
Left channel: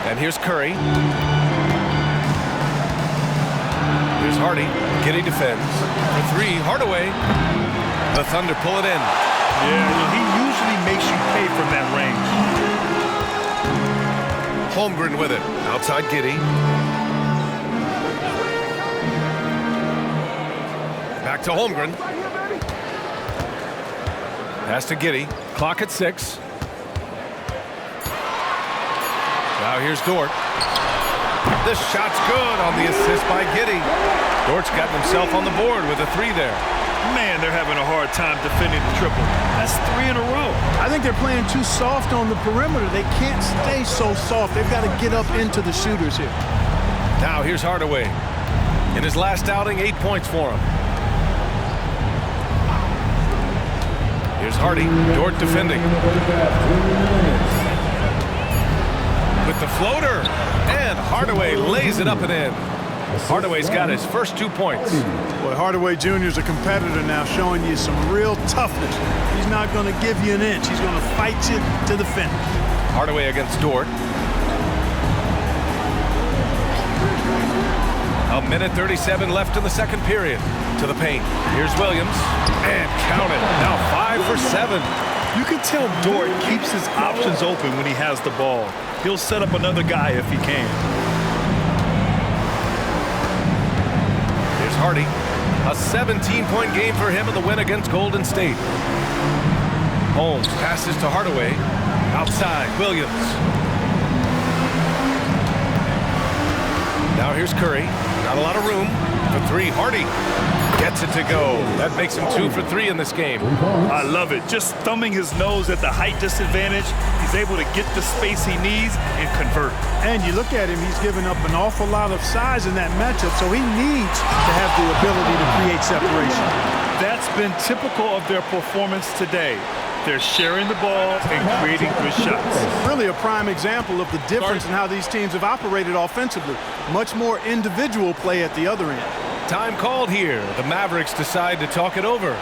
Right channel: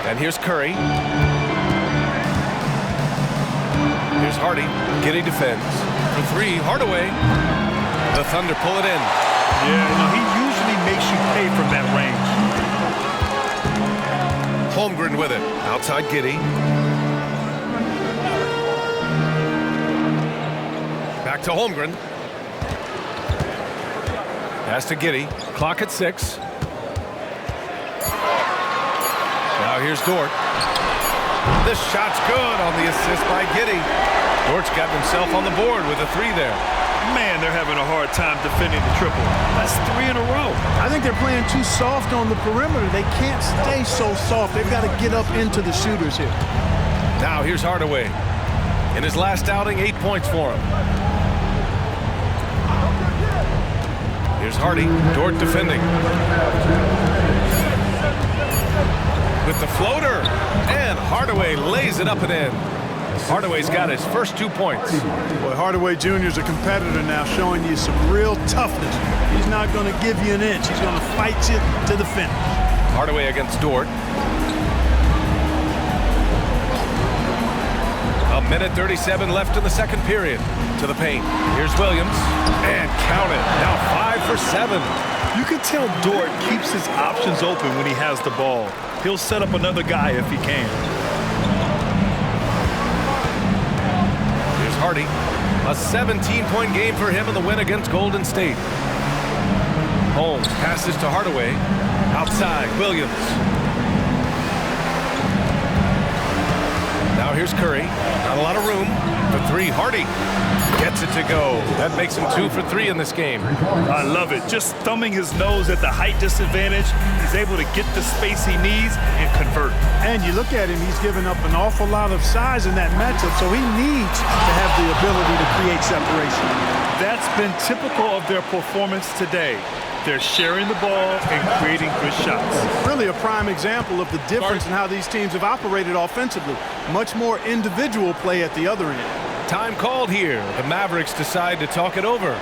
And here's Curry. Here's Hardy. Giddey defends. For 3, Hardaway. The Thunder pull it in. Yeah, you know, he usually makes you pay from that range. Holmgren with it. Outside Giddey. Back to Holmgren. Pass to Giddey. Clock at 6. Now here's Dort. This shot's good on the assist by Giddey. Dort's gotten himself on the board with a 3 there. Man, they're having a hard time defending the triple. That's 3 in a row. I think they're playing too soft on the perimeter. They can't stay so soft. They've got to get up into the shooters here. Now here's Hardaway. In his last outing, 8 points for him. Here's Hardy. Dort defending. With the floater. And Hardaway lays it up and in. Hardaway's got his first 2 points. Boy, Hardaway Jr. is a competitor now, showing you some real toughness. He's not going to give you an inch. He's going to fight you to the finish. Hardaway against Dort. A minute 37 left in the second period. To the paint. Here's Williams. And count it. Now 5 for 7. You can tell Dort keeps his options open when he has the ball. He'll set up another guy if he can. Here's Hardy. A 17-point game for him in the win against Golden State. Holmes passes to Hardaway. Outside, Williams. Now here's Curry. Not a lot of room. For 3, Hardy. Gets it to go. That makes him 2 for 3 in this game. I love it. Just thumbing his nose at the height disadvantage. He's able to get the space he needs and convert. And you look at him, he's given up an awful lot of size in that matchup, so he needs to have the ability to create separation. That's been typical of their performance today. They're sharing the ball and creating good shots. Really a prime example of the difference in how these teams have operated offensively. Much more individual play at the other end. Time called here. The Mavericks decide to talk it over.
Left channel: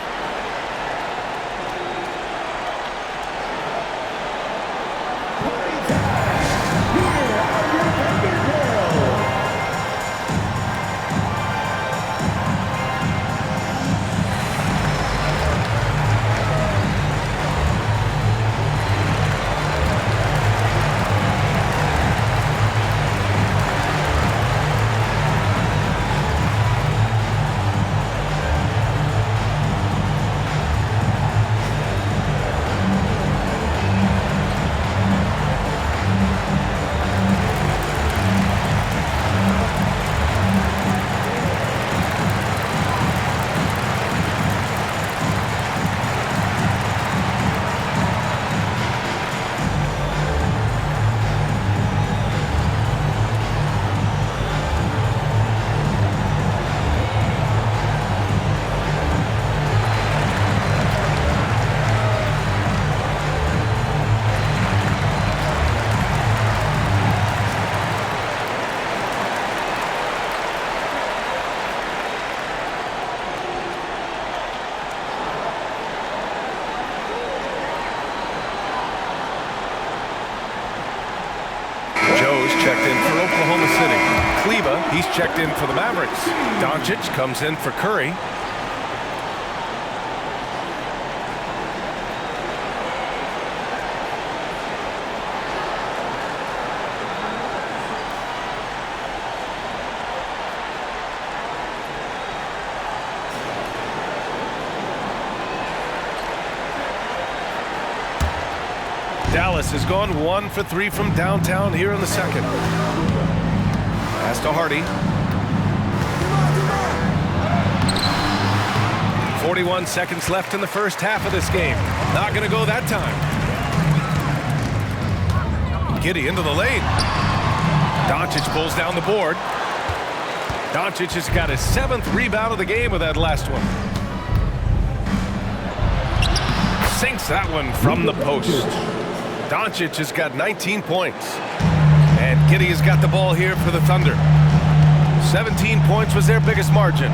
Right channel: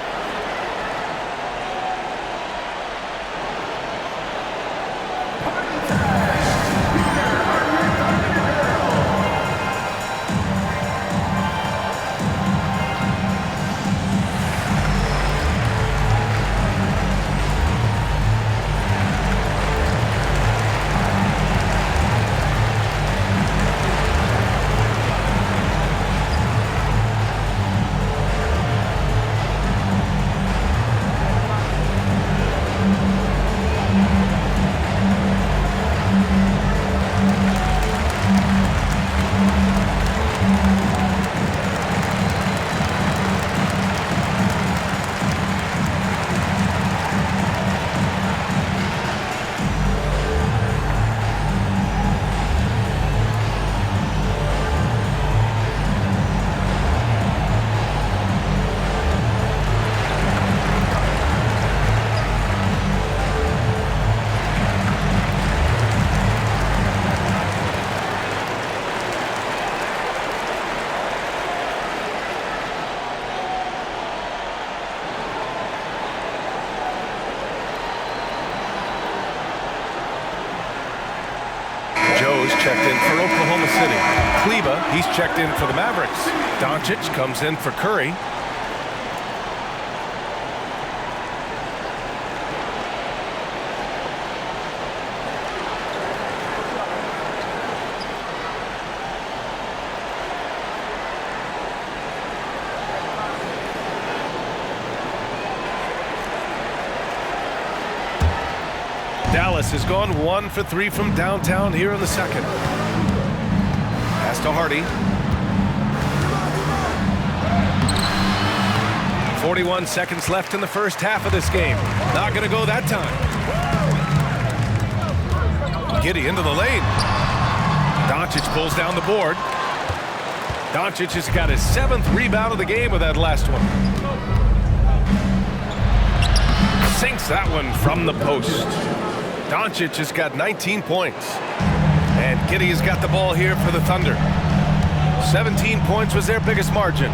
Rose checked in for Oklahoma City. Kleba, he's checked in for the Mavericks. Doncic comes in for Curry. Dallas has gone 1 for 3 from downtown here in the second. Pass to Hardy. 41 seconds left in the first half of this game. Not going to go that time. Giddey into the lane. Doncic pulls down the board. Doncic has got his 7th rebound of the game with that last one. Sinks that one from the post. Doncic has got 19 points. And Giddey has got the ball here for the Thunder. 17 points was their biggest margin.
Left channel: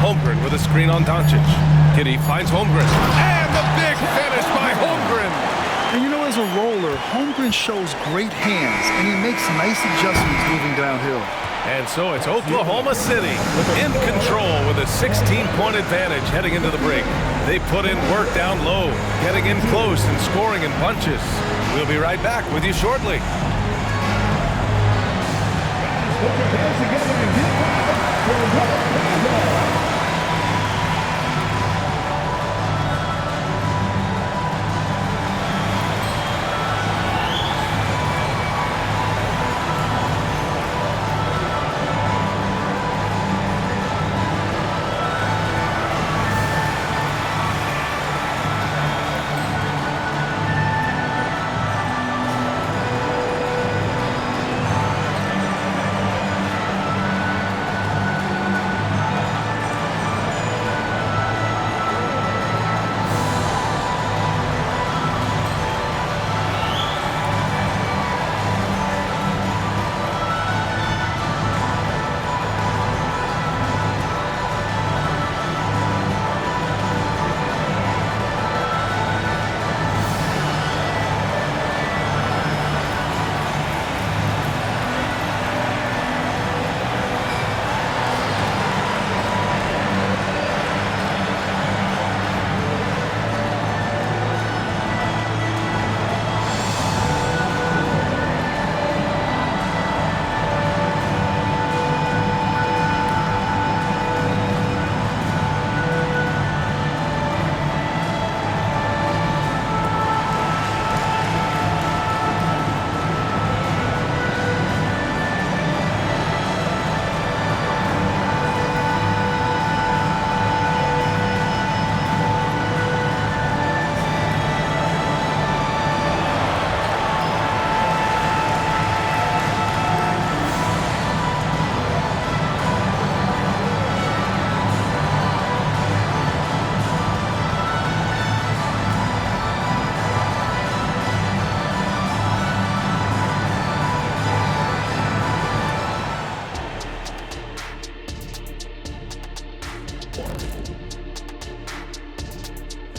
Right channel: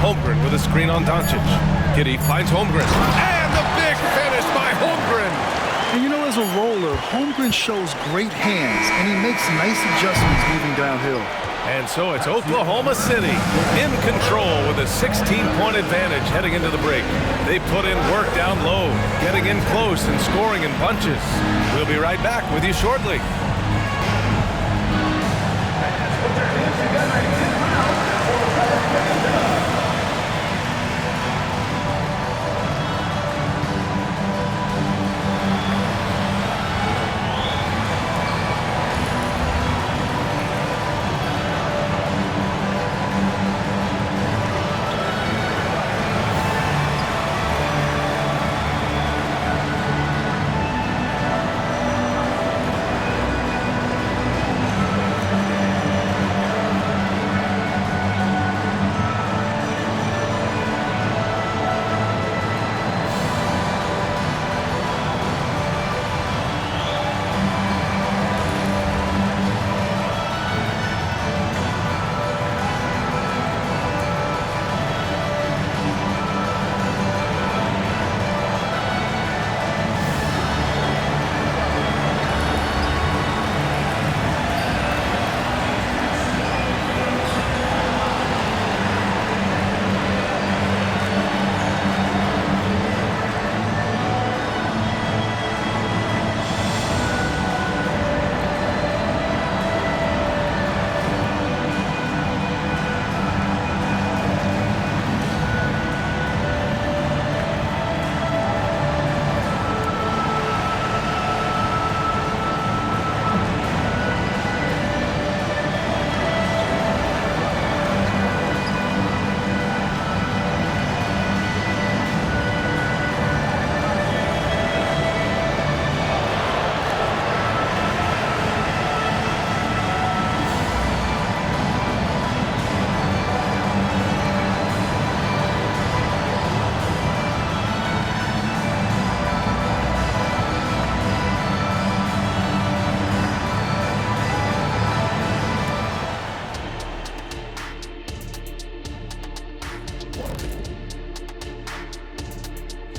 Holmgren with a screen on Doncic. Giddey finds Holmgren. And the big finish by Holmgren. And you know, as a roller, Holmgren shows great hands, and he makes nice adjustments moving downhill. And so it's Oklahoma City in control with a 16-point advantage heading into the break. They put in work down low, getting in close and scoring in bunches. We'll be right back with you shortly. Put their hands together and get loud for Will Campbell.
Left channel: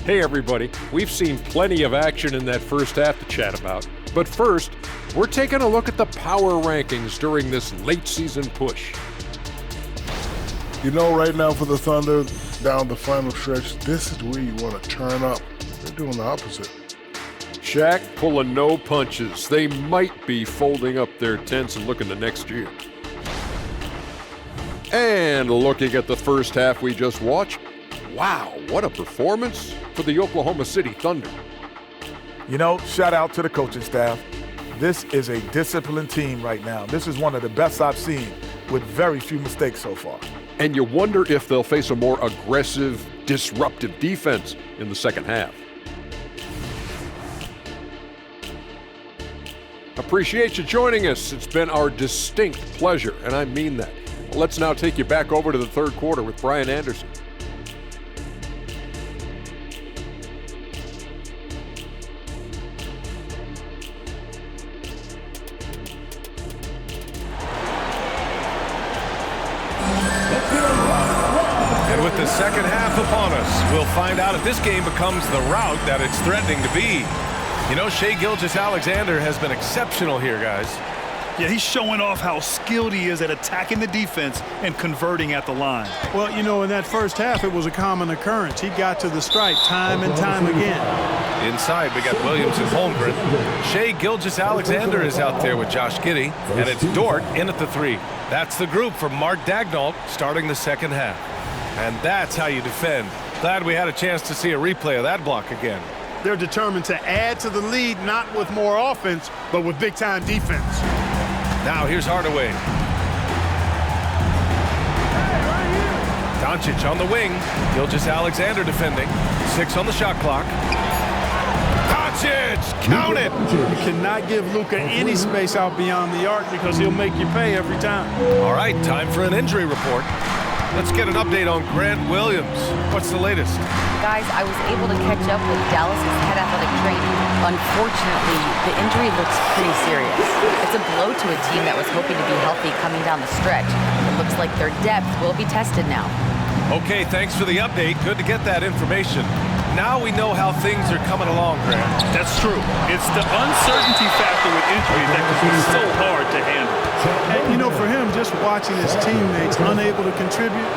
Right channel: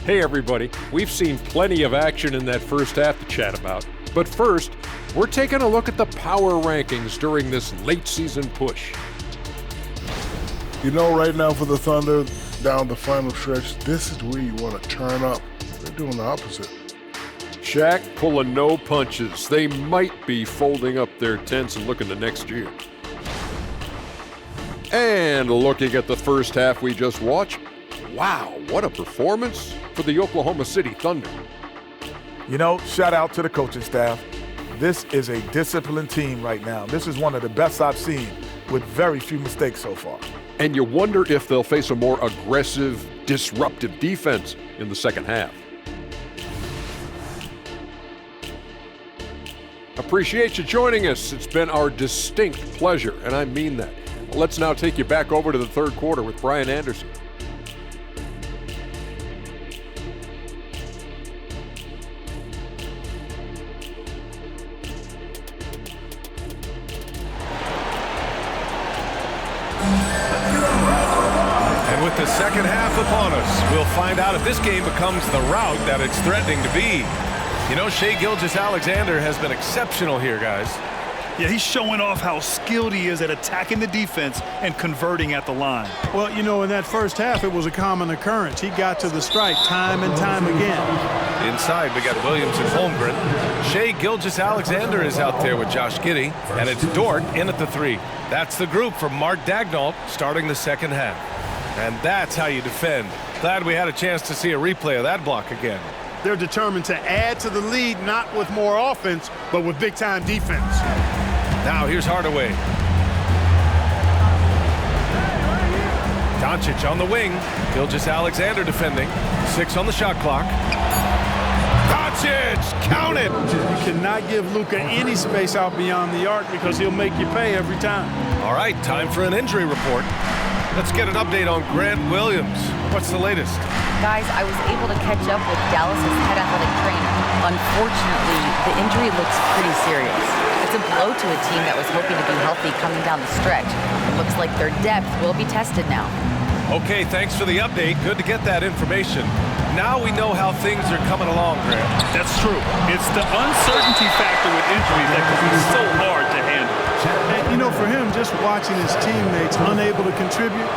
Hey everybody, we've seen plenty of action in that first half to chat about. But first, we're taking a look at the power rankings during this late season push. You know, right now for the Thunder, down the final stretch, this is where you want to turn up. They're doing the opposite. Shaq pulling no punches. They might be folding up their tents and looking to next year. And looking at the first half we just watched, wow, what a performance for the Oklahoma City Thunder. You know, shout out to the coaching staff. This is a disciplined team right now. This is one of the best I've seen with very few mistakes so far. And you wonder if they'll face a more aggressive, disruptive defense in the second half. Appreciate you joining us. It's been our distinct pleasure, and I mean that. Let's now take you back over to the third quarter with Brian Anderson. Let's get our And with the second half upon us, we'll find out if this game becomes the rout that it's threatening to be. You know, Shai Gilgeous-Alexander has been exceptional here, guys. Yeah, he's showing off how skilled he is at attacking the defense and converting at the line. Well, you know, in that first half, it was a common occurrence. He got to the stripe time and time again. Inside, we got Williams and Holmgren. Shai Gilgeous-Alexander is out there with Josh Giddey, and it's Dort in at the 3. That's the group for Mark Daigneault starting the second half. And that's how you defend. Glad we had a chance to see a replay of that block again. They're determined to add to the lead, not with more offense, but with big-time defense. Now here's Hardaway. Doncic on the wing. Gilgeous-Alexander defending. 6 on the shot clock. Doncic, count it! You cannot give Luka any space out beyond the arc because he'll make you pay every time. All right, time for an injury report. Let's get an update on Grant Williams. What's the latest? Guys, I was able to catch up with Dallas's head athletic trainer. Unfortunately, the injury looks pretty serious. It's a blow to a team that was hoping to be healthy coming down the stretch. It looks like their depth will be tested now. Okay, thanks for the update. Good to get that information. Now we know how things are coming along, Grant. That's true. It's the uncertainty factor with injuries that can be so hard to handle. And, you know, for him, just watching his teammates unable to contribute,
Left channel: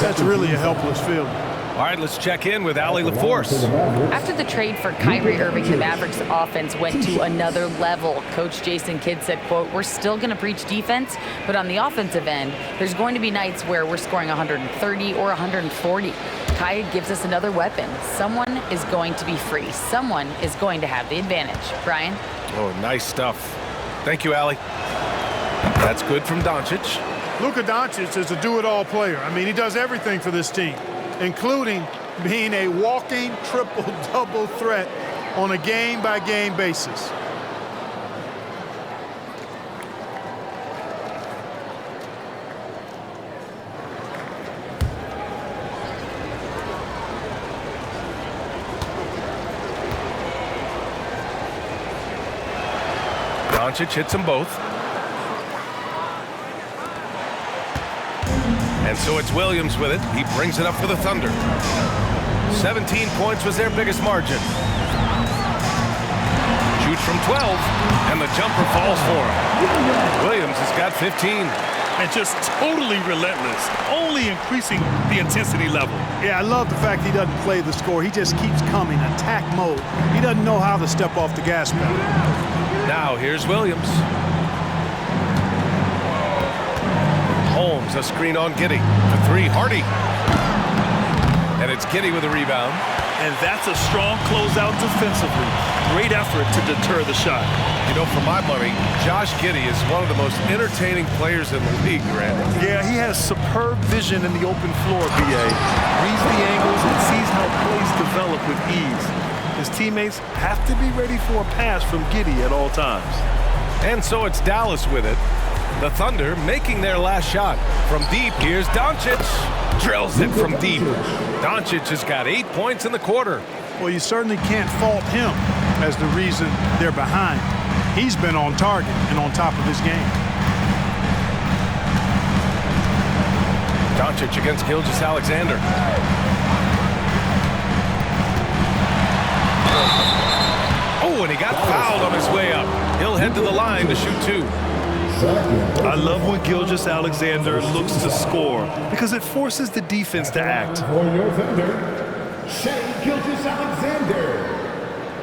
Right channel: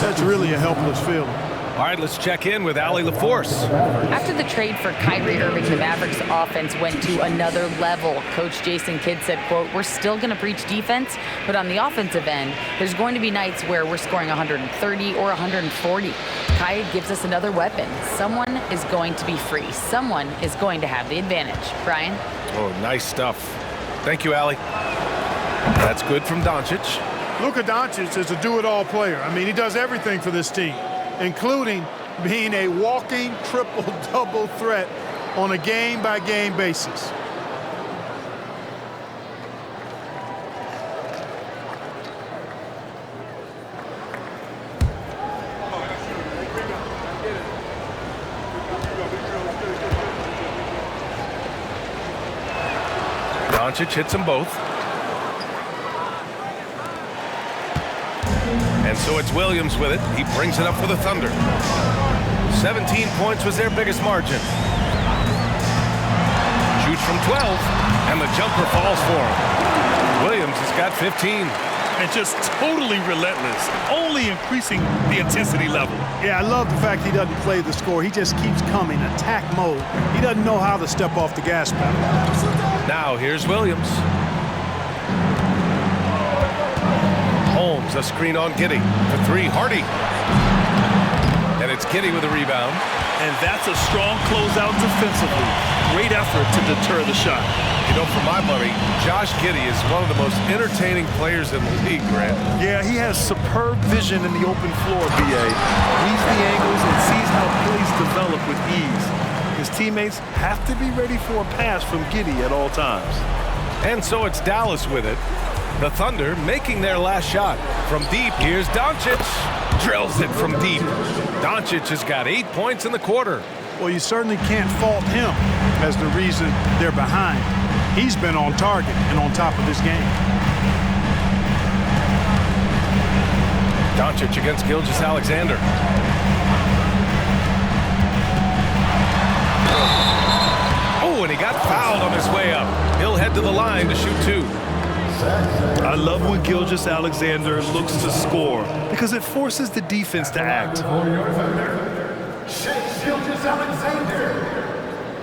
that's really a helpless feeling. All right, let's check in with Allie LaForce. After the trade for Kyrie Irving, the Mavericks offense went to another level. Coach Jason Kidd said, quote, "We're still going to preach defense, but on the offensive end, there's going to be nights where we're scoring 130 or 140. Kai gives us another weapon. Someone is going to be free. Someone is going to have the advantage." Brian? Oh, nice stuff. Thank you, Allie. That's good from Doncic. Luka Doncic is a do-it-all player. I mean, he does everything for this team, including being a walking triple-double threat on a game-by-game basis. Doncic hits them both. And so it's Williams with it. He brings it up for the Thunder. 17 points was their biggest margin. Shoots from 12, and the jumper falls for him. Williams has got 15. And just totally relentless, only increasing the intensity level. Yeah, I love the fact he doesn't play the score. He just keeps coming, attack mode. He doesn't know how to step off the gas pedal. Now here's Williams. Holmes, a screen on Giddey. To 3, Hardy. And it's Giddey with a rebound. And that's a strong closeout defensively. Great effort to deter the shot. You know, for my money, Josh Giddey is one of the most entertaining players in the league, Grant. Yeah, he has superb vision in the open floor, B.A. Reads the angles and sees how plays develop with ease. His teammates have to be ready for a pass from Giddey at all times. And so it's Dallas with it. The Thunder making their last shot. From deep, here's Doncic. Drills it from deep. Doncic has got 8 points in the quarter. Well, you certainly can't fault him as the reason they're behind. He's been on target and on top of his game. Doncic against Gilgeous-Alexander. Oh, and he got fouled on his way up. He'll head to the line to shoot 2. I love when Gilgeous-Alexander looks to score because it forces the defense to act. For your Thunder, Shai Gilgeous-Alexander.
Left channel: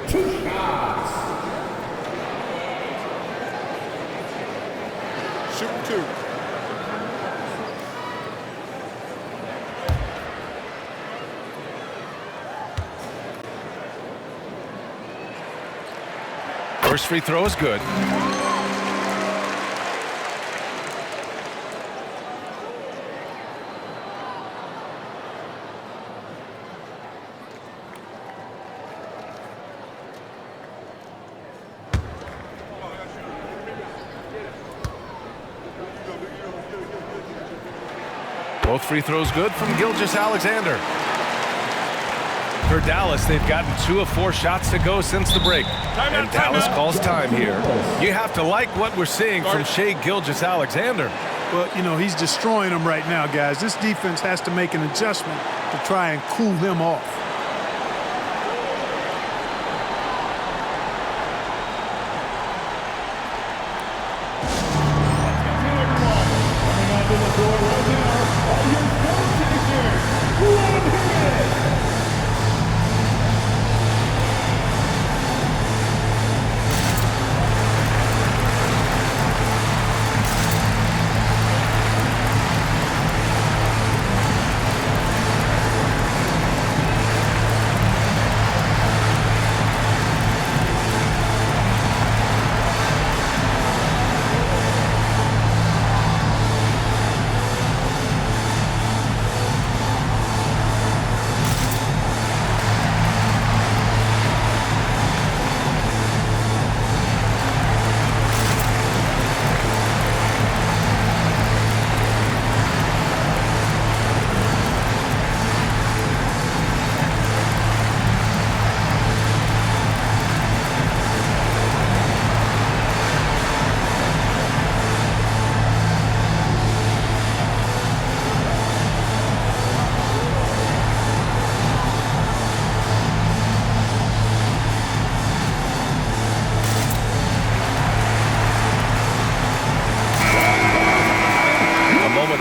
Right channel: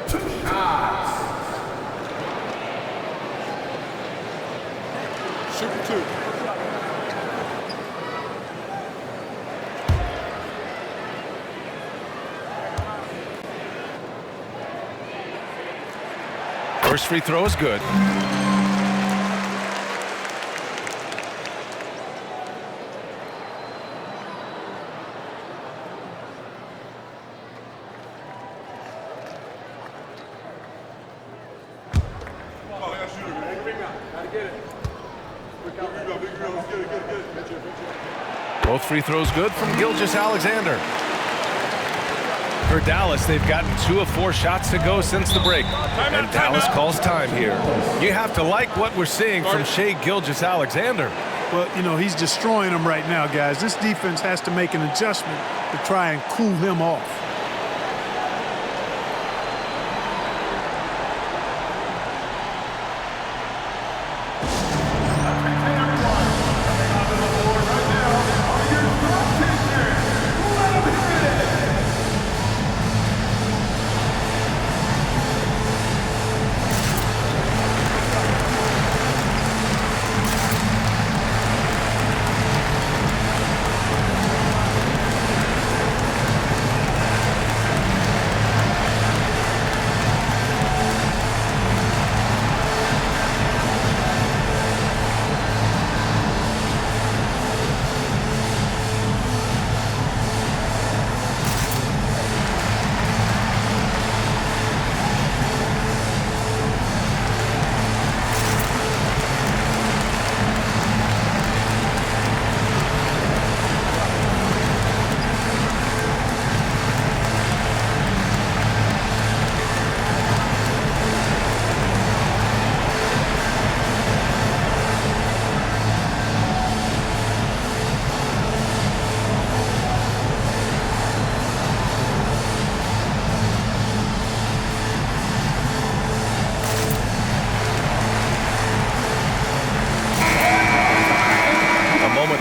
2 shots. Shooting 2. First free throw is good. Both free throws good from Gilgeous-Alexander. For Dallas, they've gotten 2 of 4 shots to go since the break. And Dallas calls time here. You have to like what we're seeing from Shai Gilgeous-Alexander. Well, you know, he's destroying them right now, guys. This defense has to make an adjustment to try and cool him off.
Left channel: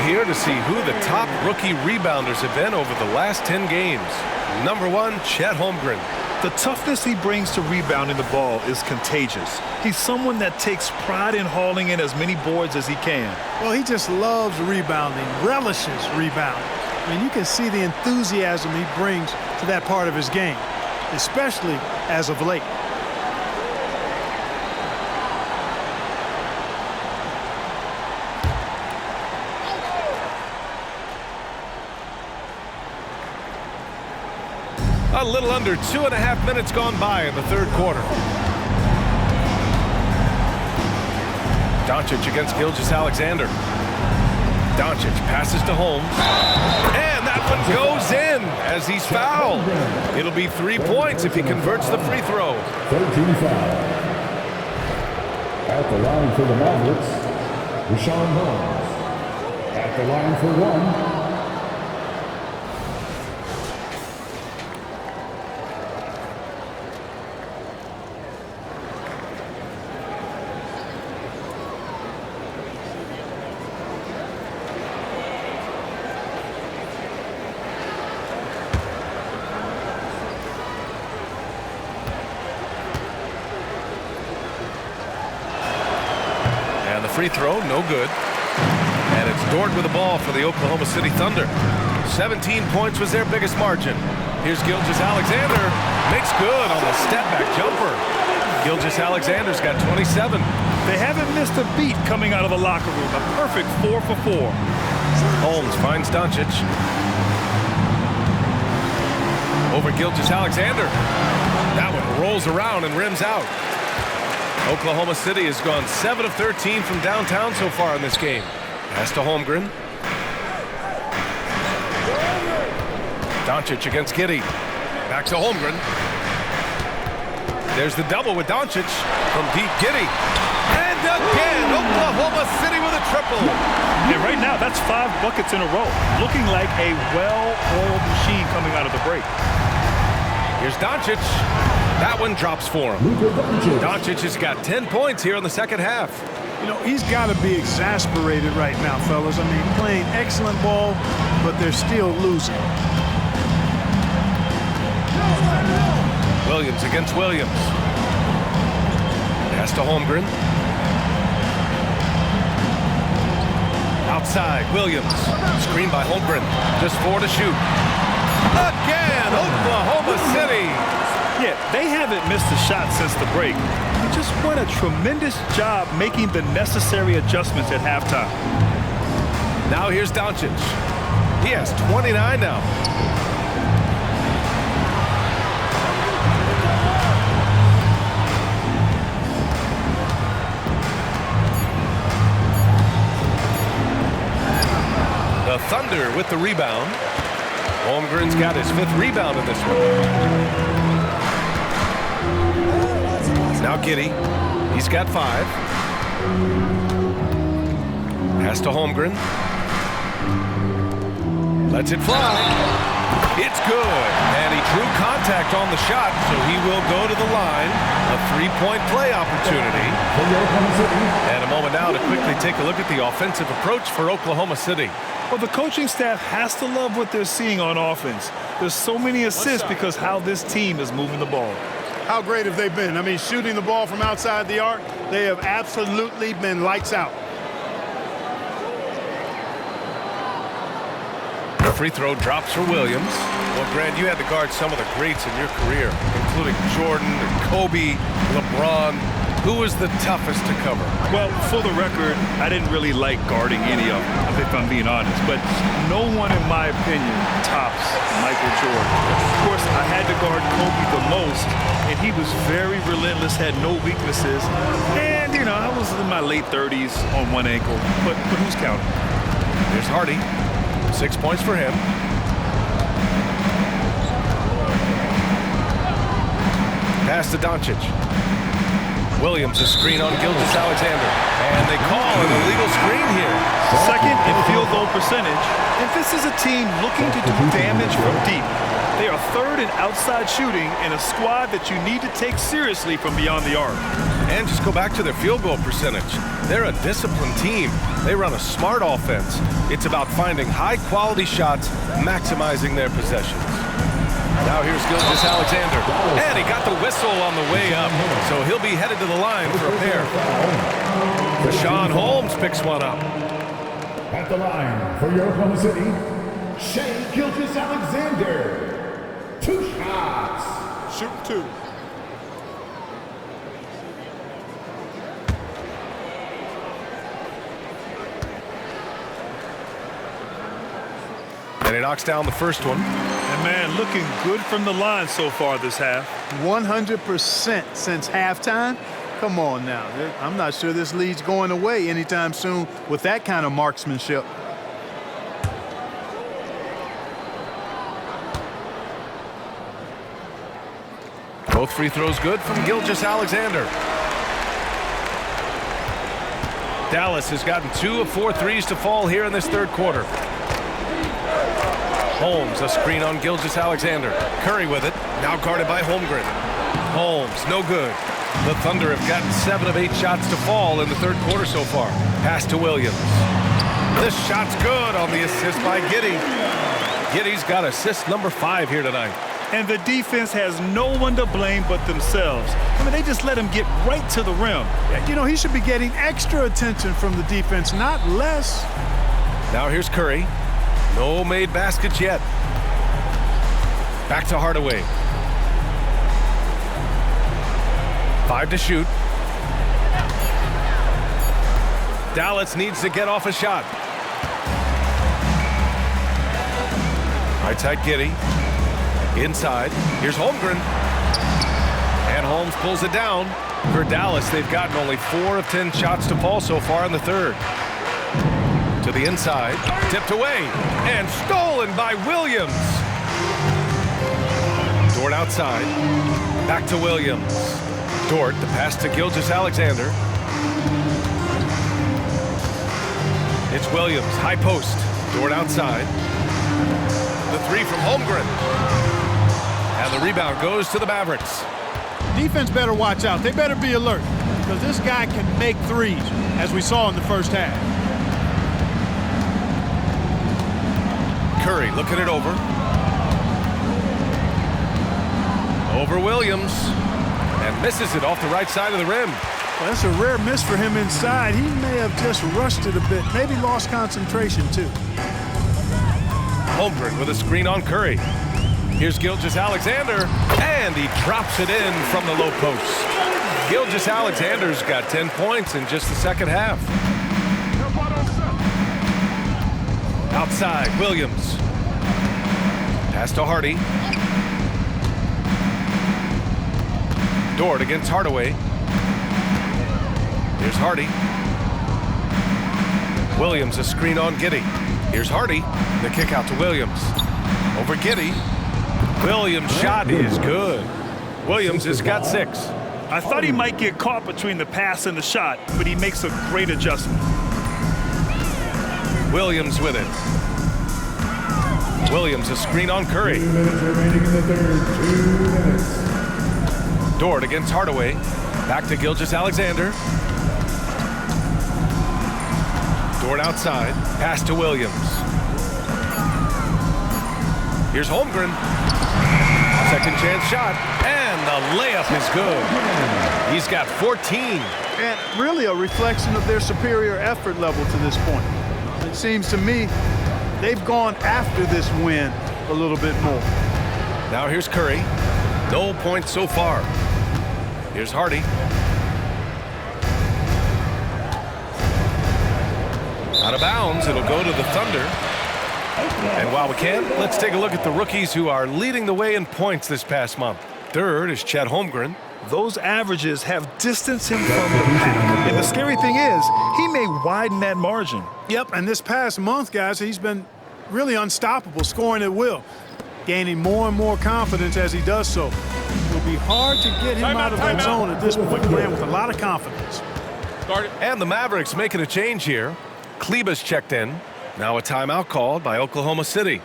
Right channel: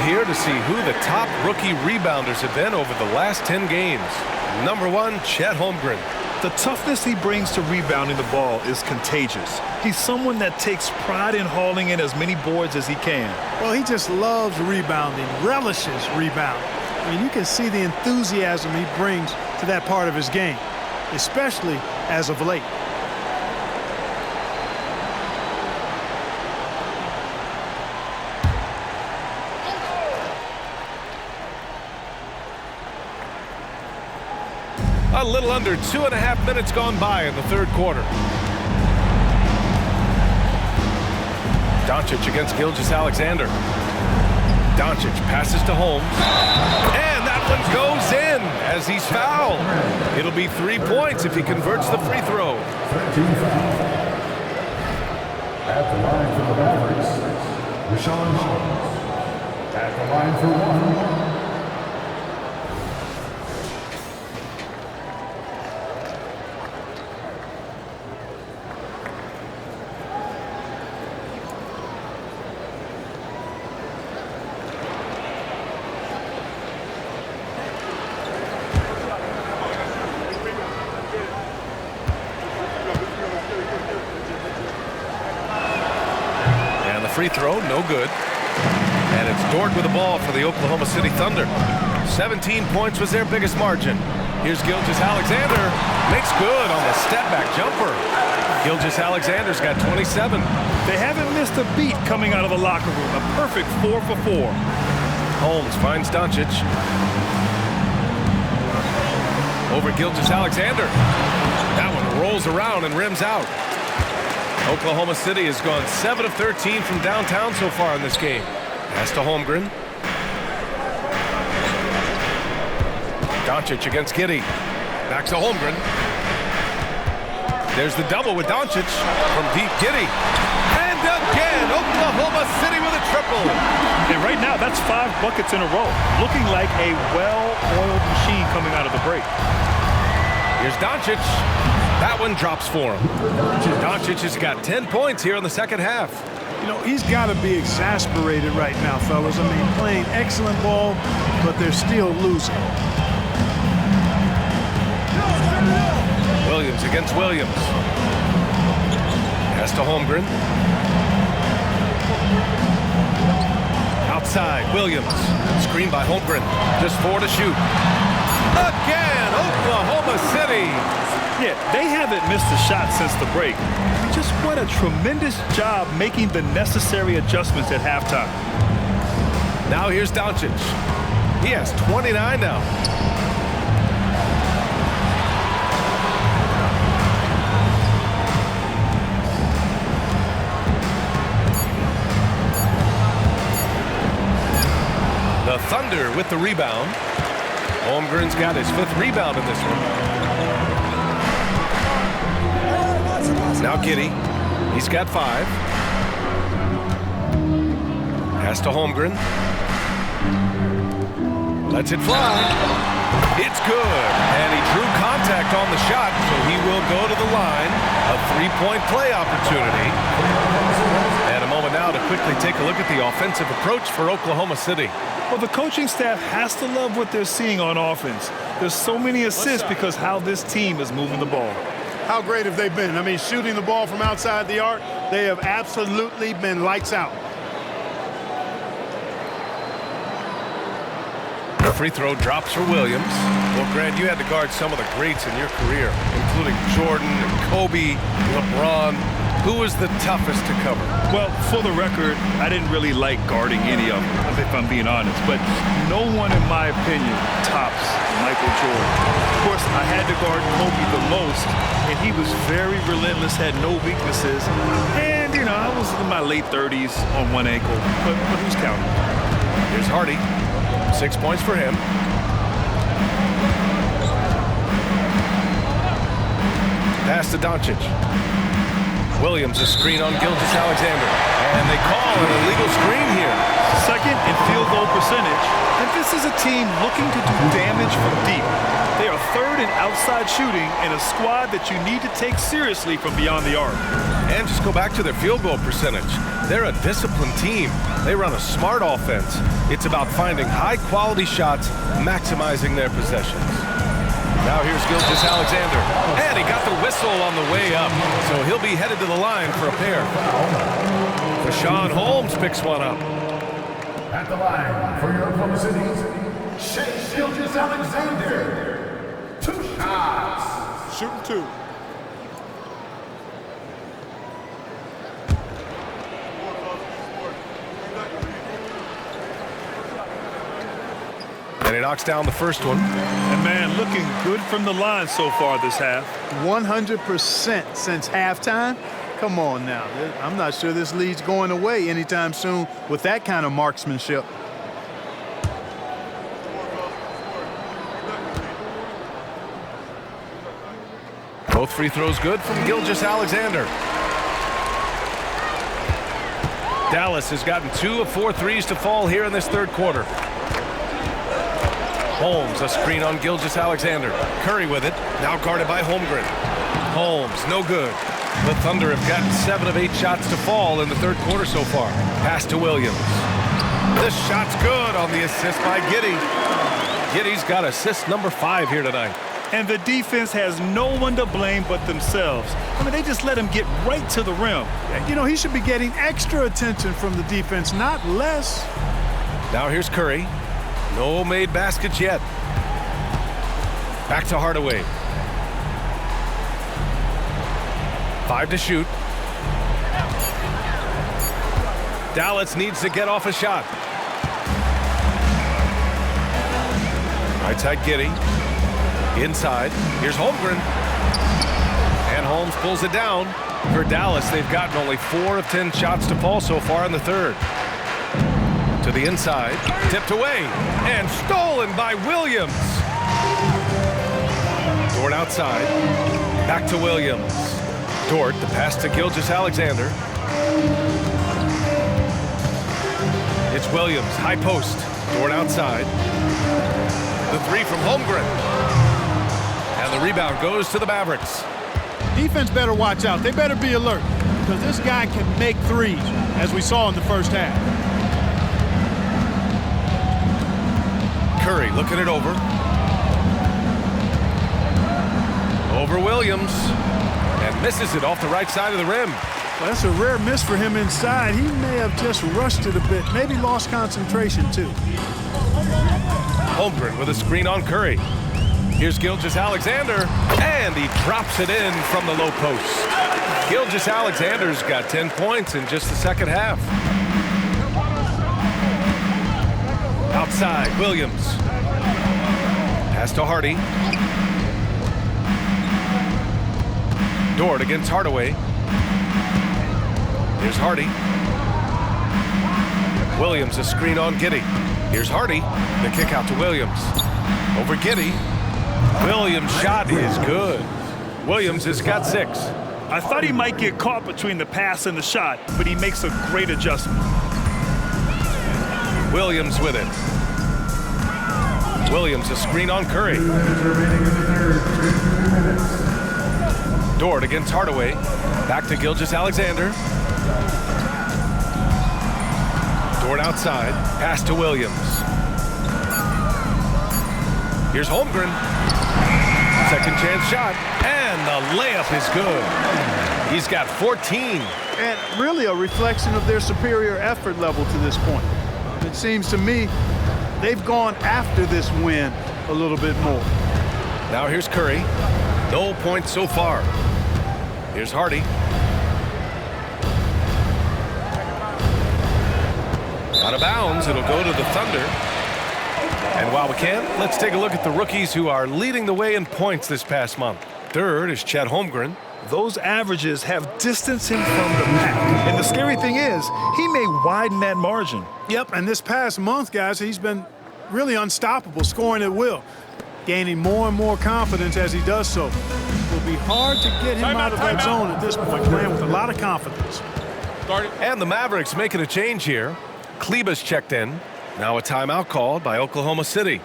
Here to see who the top rookie rebounders have been over the last 10 games. Number 1, Chet Holmgren. The toughness he brings to rebounding the ball is contagious. He's someone that takes pride in hauling in as many boards as he can. Well, he just loves rebounding, relishes rebounding. I mean, you can see the enthusiasm he brings to that part of his game, especially as of late. A little under 2.5 minutes gone by in the third quarter. Doncic against Gilgeous-Alexander. Doncic passes to Holmes. And that one goes in as he's fouled. It'll be 3 points if he converts the free throw. 13 foul. At the line for the Mavericks, Rashawn Holmes. At the line for 1. Free throw, no good. And it's Dort with the ball for the Oklahoma City Thunder. 17 points was their biggest margin. Here's Gilgeous-Alexander. Makes good on the step-back jumper. Gilgeous-Alexander's got 27. They haven't missed a beat coming out of the locker room. A perfect 4 for 4. Holmes finds Doncic. Over Gilgeous-Alexander. That one rolls around and rims out. Oklahoma City has gone 7 of 13 from downtown so far in this game. Pass to Holmgren. Doncic against Giddey. Back to Holmgren. There's the double with Doncic from deep Giddey. And again, Oklahoma City with a triple. And right now, that's 5 buckets in a row. Looking like a well-oiled machine coming out of the break. Here's Doncic. That one drops for him. Doncic has got 10 points here in the second half. You know, he's got to be exasperated right now, fellas. I mean, playing excellent ball, but they're still losing. Williams against Williams. Pass to Holmgren. Outside, Williams. Screen by Holmgren. Just 4 to shoot. Again, Oklahoma City. Yeah, they haven't missed a shot since the break. They just won a tremendous job making the necessary adjustments at halftime. Now here's Doncic. He has 29 now. The Thunder with the rebound. Holmgren's got his 5th rebound in this one. Now Giddey. He's got 5. Pass to Holmgren. Lets it fly. It's good. And he drew contact on the shot, so he will go to the line. A 3-point play opportunity. And a moment now to quickly take a look at the offensive approach for Oklahoma City. Well, the coaching staff has to love what they're seeing on offense. There's so many assists because how this team is moving the ball. How great have they been? I mean, shooting the ball from outside the arc, they have absolutely been lights out. The free throw drops for Williams. Well, Grant, you had to guard some of the greats in your career, including Jordan and Kobe, LeBron. Who was the toughest to cover? Well, for the record, I didn't really like guarding any of them, if I'm being honest. But no one, in my opinion, tops Michael Jordan. Of course, I had to guard Kobe the most, and he was very relentless, had no weaknesses. And, you know, I was in my late 30s on one ankle. But who's counting? Here's Hardy. 6 points for him. Pass to Doncic. Williams, a screen on Gilgeous-Alexander. And they call an illegal screen here. 2nd in field goal percentage. And this is a team looking to do damage from deep. They are 3rd in outside shooting in a squad that you need to take seriously from beyond the arc. And just go back to their field goal percentage. They're a disciplined team. They run a smart offense. It's about finding high-quality shots, maximizing their possessions. Now here's Gilgeous-Alexander. And he got the whistle on the way up. So he'll be headed to the line for a pair. Deshaun Holmes picks one up. At the line for your Oklahoma City, Shane Gilgeous-Alexander. 2 shots. Shooting 2. And he knocks down the first one. And, man, looking good from the line so far this half. 100% since halftime. Come on now. I'm not sure this lead's going away anytime soon with that kind of marksmanship. Both free throws good from Gilgeous-Alexander. Dallas has gotten 2 of 4 threes to fall here in this 3rd quarter. Holmes, a screen on Gilgeous-Alexander. Curry with it, now guarded by Holmgren. Holmes, no good. The Thunder have gotten 7 of 8 shots to fall in the 3rd quarter so far. Pass to Williams. This shot's good on the assist by Giddey. Giddey's got assist number 5 here tonight. And the defense has no one to blame but themselves. I mean, they just let him get right to the rim. You know, he should be getting extra attention from the defense, not less. Now here's Curry. No made baskets yet. Back to Hardaway. 5 to shoot. Dallas needs to get off a shot. Right side Giddey. Inside. Here's Holmgren. And Holmes pulls it down. For Dallas, they've gotten only 4 of 10 shots to fall so far in the 3rd. To the inside, tipped away, and stolen by Williams. Dort outside, back to Williams. Dort, the pass to Gilgeous-Alexander. It's Williams, high post. Dort outside. The 3 from Holmgren. And the rebound goes to the Mavericks. Defense better watch out. They better be alert because this guy can make threes, as we saw in the first half. Curry looking it over. Over Williams. And misses it off the right side of the rim. Well, that's a rare miss for him inside. He may have just rushed it a bit, maybe lost concentration too. Holmgren with a screen on Curry. Here's Gilgeous-Alexander, and he drops it in from the low post. Gilgeous-Alexander's got 10 points in just the 2nd half. Outside, Williams. Pass to Hardy. Dort against Hardaway. Here's Hardy. Williams, a screen on Giddey. Here's Hardy. The kick out to Williams. Over Giddey. Williams' shot is good. Williams has got 6. I thought he might get caught between the pass and the shot, but he makes a great adjustment. Williams with it. Williams a screen on Curry. 2 minutes remaining in the third. 2 minutes. Dort against Hardaway. Back to Gilgeous-Alexander. Dort outside. Pass to Williams. Here's Holmgren. Second chance shot. And the layup is good. He's got 14. And really a reflection of their superior effort level to this point. It seems to me they've gone after this win a little bit more. Now here's Curry. No points so far. Here's Hardy. Out of bounds, it'll go to the Thunder. And while we can, let's take a look at the rookies who are leading the way in points this past month. Third is Chet Holmgren. Those averages have distanced him from the pack. And the scary thing is, he may widen that margin. Yep, and this past month, guys, he's been really unstoppable, scoring at will, gaining more and more confidence as he does so. It will be hard to get him out of that zone at this point, playing with a lot of confidence. And the Mavericks making a change here. Kleba's checked in. Now a timeout called by Oklahoma City.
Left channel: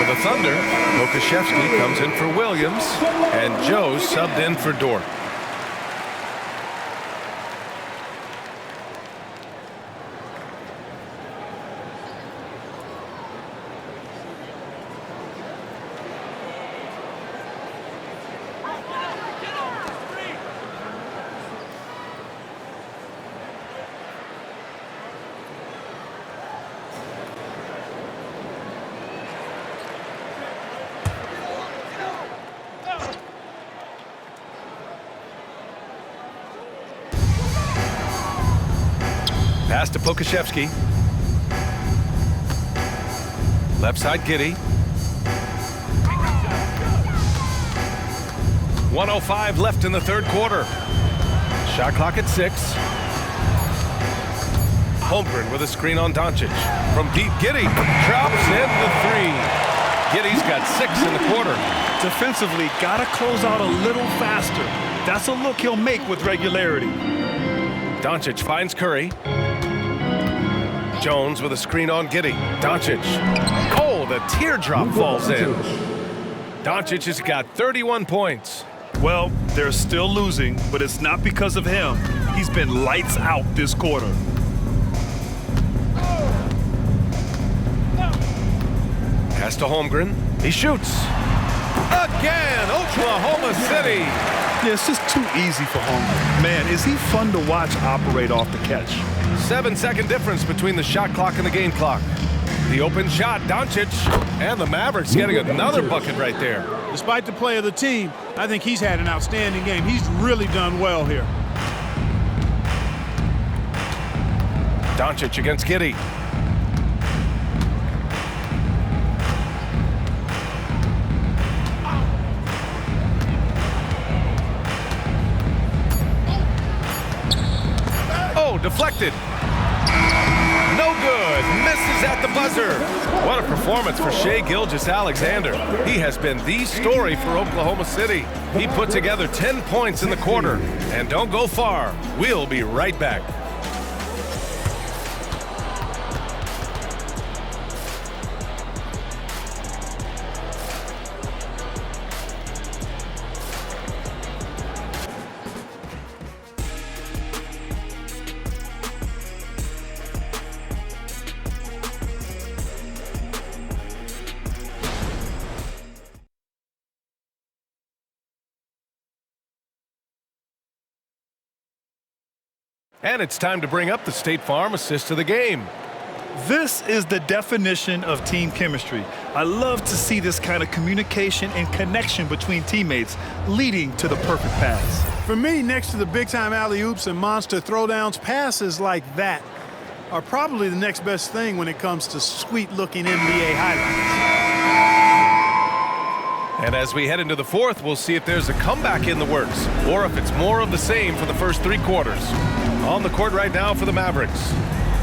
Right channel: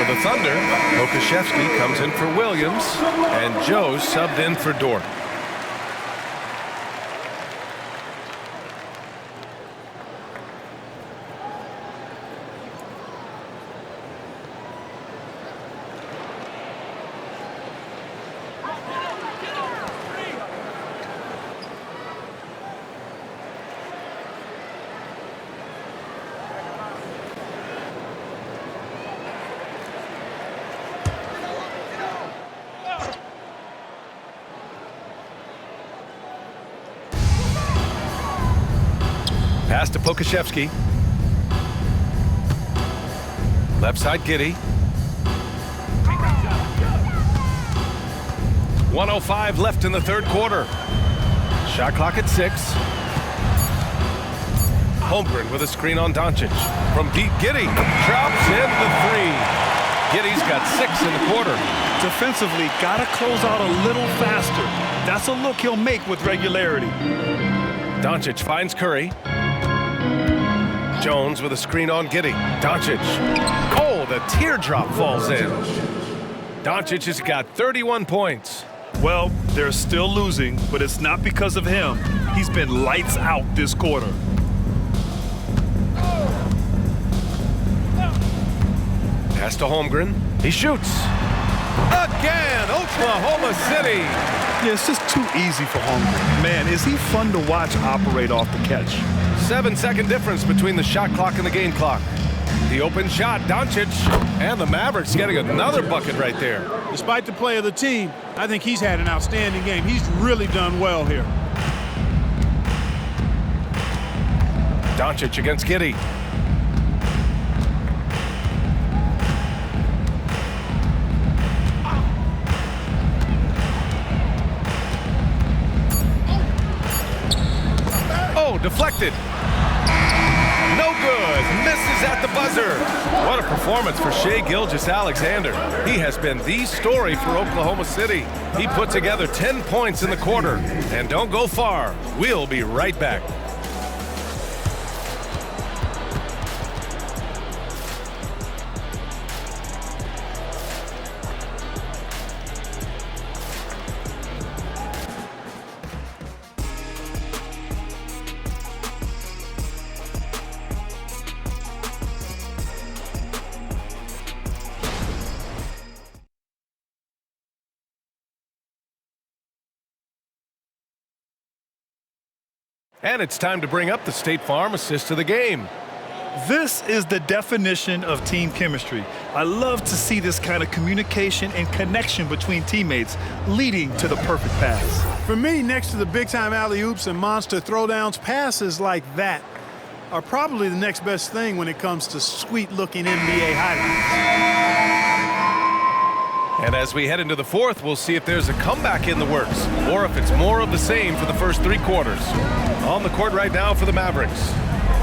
For the Thunder, Pokusevski comes in for Williams, and Joe subbed in for Dort. Pass to Pokusevski. Left side, Giddey. 1:05 left in the third quarter. Shot clock at 6. Holmgren with a screen on Doncic. From deep, Giddey drops in the 3. Giddey's got 6 in the quarter. Defensively, gotta close out a little faster. That's a look he'll make with regularity. Doncic finds Curry. Jones with a screen on Giddey. Doncic. Oh, the teardrop falls in. Doncic has got 31 points. Well, they're still losing, but it's not because of him. He's been lights out this quarter. Pass to Holmgren. He shoots. Again, Oklahoma City. Yeah, it's just too easy for Holmgren. Man, is he fun to watch operate off the catch. 7-second difference between the shot clock and the game clock. The open shot, Doncic, and the Mavericks getting another bucket right there. Despite the play of the team, I think he's had an outstanding game. He's really done well here. Doncic against Giddey. Oh, deflected. No good. Misses at the buzzer. What a performance for Shai Gilgeous-Alexander. He has been the story for Oklahoma City. He put together 10 points in the quarter. And don't go far. We'll be right back. And it's time to bring up the State Farm assist of the game. This is the definition of team chemistry. I love to see this kind of communication and connection between teammates leading to the perfect pass. For me, next to the big-time alley-oops and monster throwdowns, passes like that are probably the next best thing when it comes to sweet-looking NBA highlights. And as we head into the fourth, we'll see if there's a comeback in the works or if it's more of the same for the first 3 quarters. On the court right now for the Mavericks,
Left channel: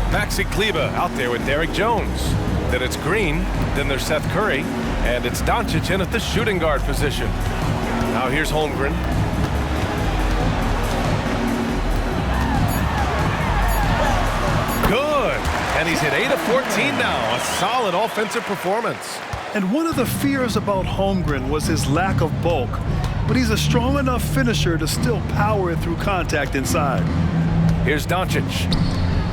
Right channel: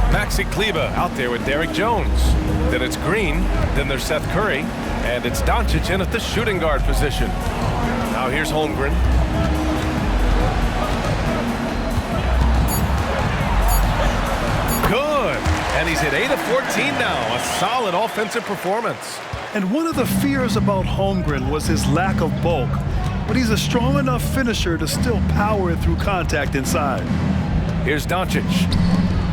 Maxi Kleber out there with Derek Jones. Then it's Green, then there's Seth Curry, and it's Doncic in at the shooting guard position. Now here's Holmgren. Good, and he's hit 8 of 14 now, a solid offensive performance. And one of the fears about Holmgren was his lack of bulk, but he's a strong enough finisher to still power it through contact inside. Here's Doncic,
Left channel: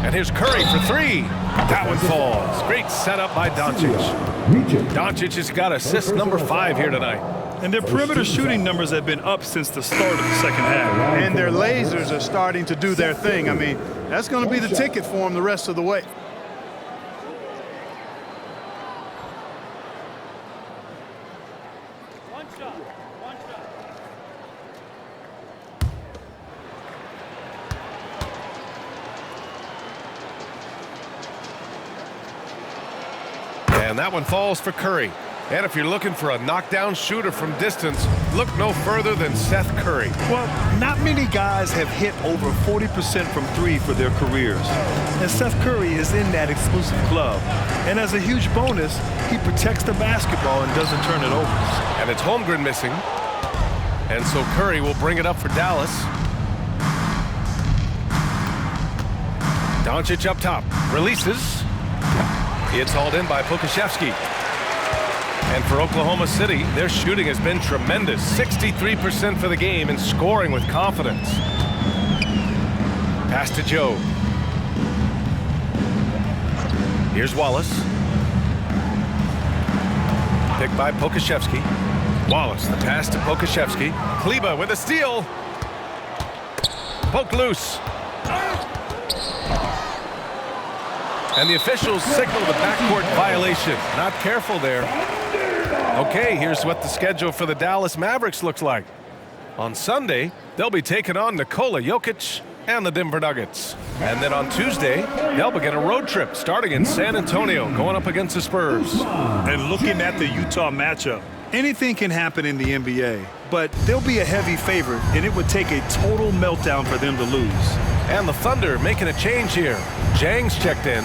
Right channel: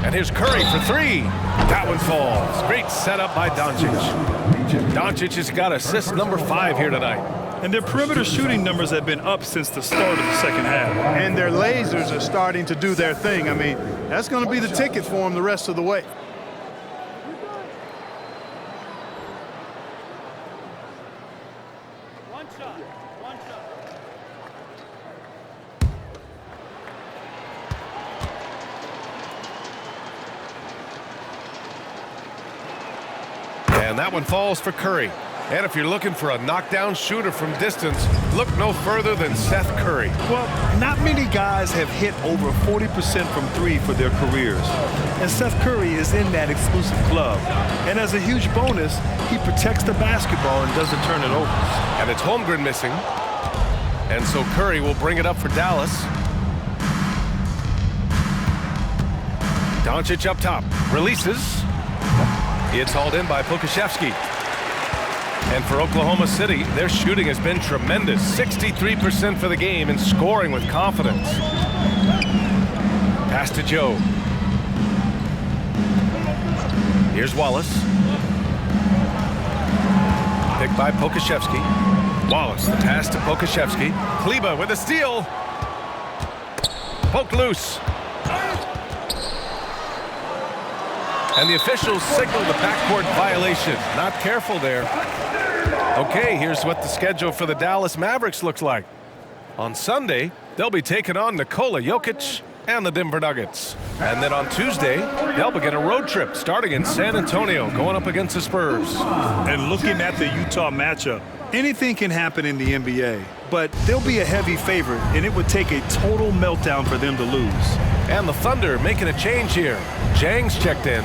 and here's Curry for 3. That one falls. Great setup by Doncic. Doncic has got assist number 5 here tonight. And their perimeter shooting numbers have been up since the start of the second half. And their lasers are starting to do their thing. I mean, that's going to be the ticket for them the rest of the way. One shot. And that one falls for Curry. And if you're looking for a knockdown shooter from distance, look no further than Seth Curry. Well, not many guys have hit over 40% from 3 for their careers. And Seth Curry is in that exclusive club. And as a huge bonus, he protects the basketball and doesn't turn it over. And it's Holmgren missing. And so Curry will bring it up for Dallas. Doncic up top, releases. It's hauled in by Pokusevski. And for Oklahoma City, their shooting has been tremendous. 63% for the game and scoring with confidence. Pass to Joe. Here's Wallace. Picked by Pokusevski. Wallace, the pass to Pokusevski. Kleber with a steal. Poked loose. And the officials signal the backcourt violation. Not careful there. Okay, here's what the schedule for the Dallas Mavericks looks like. On Sunday, they'll be taking on Nikola Jokic and the Denver Nuggets. And then on Tuesday, they'll begin a road trip starting in San Antonio, going up against the Spurs. And looking at the Utah matchup, anything can happen in the NBA, but they'll be a heavy favorite, and it would take a total meltdown for them to lose. And the Thunder making a change here. Jang's checked in.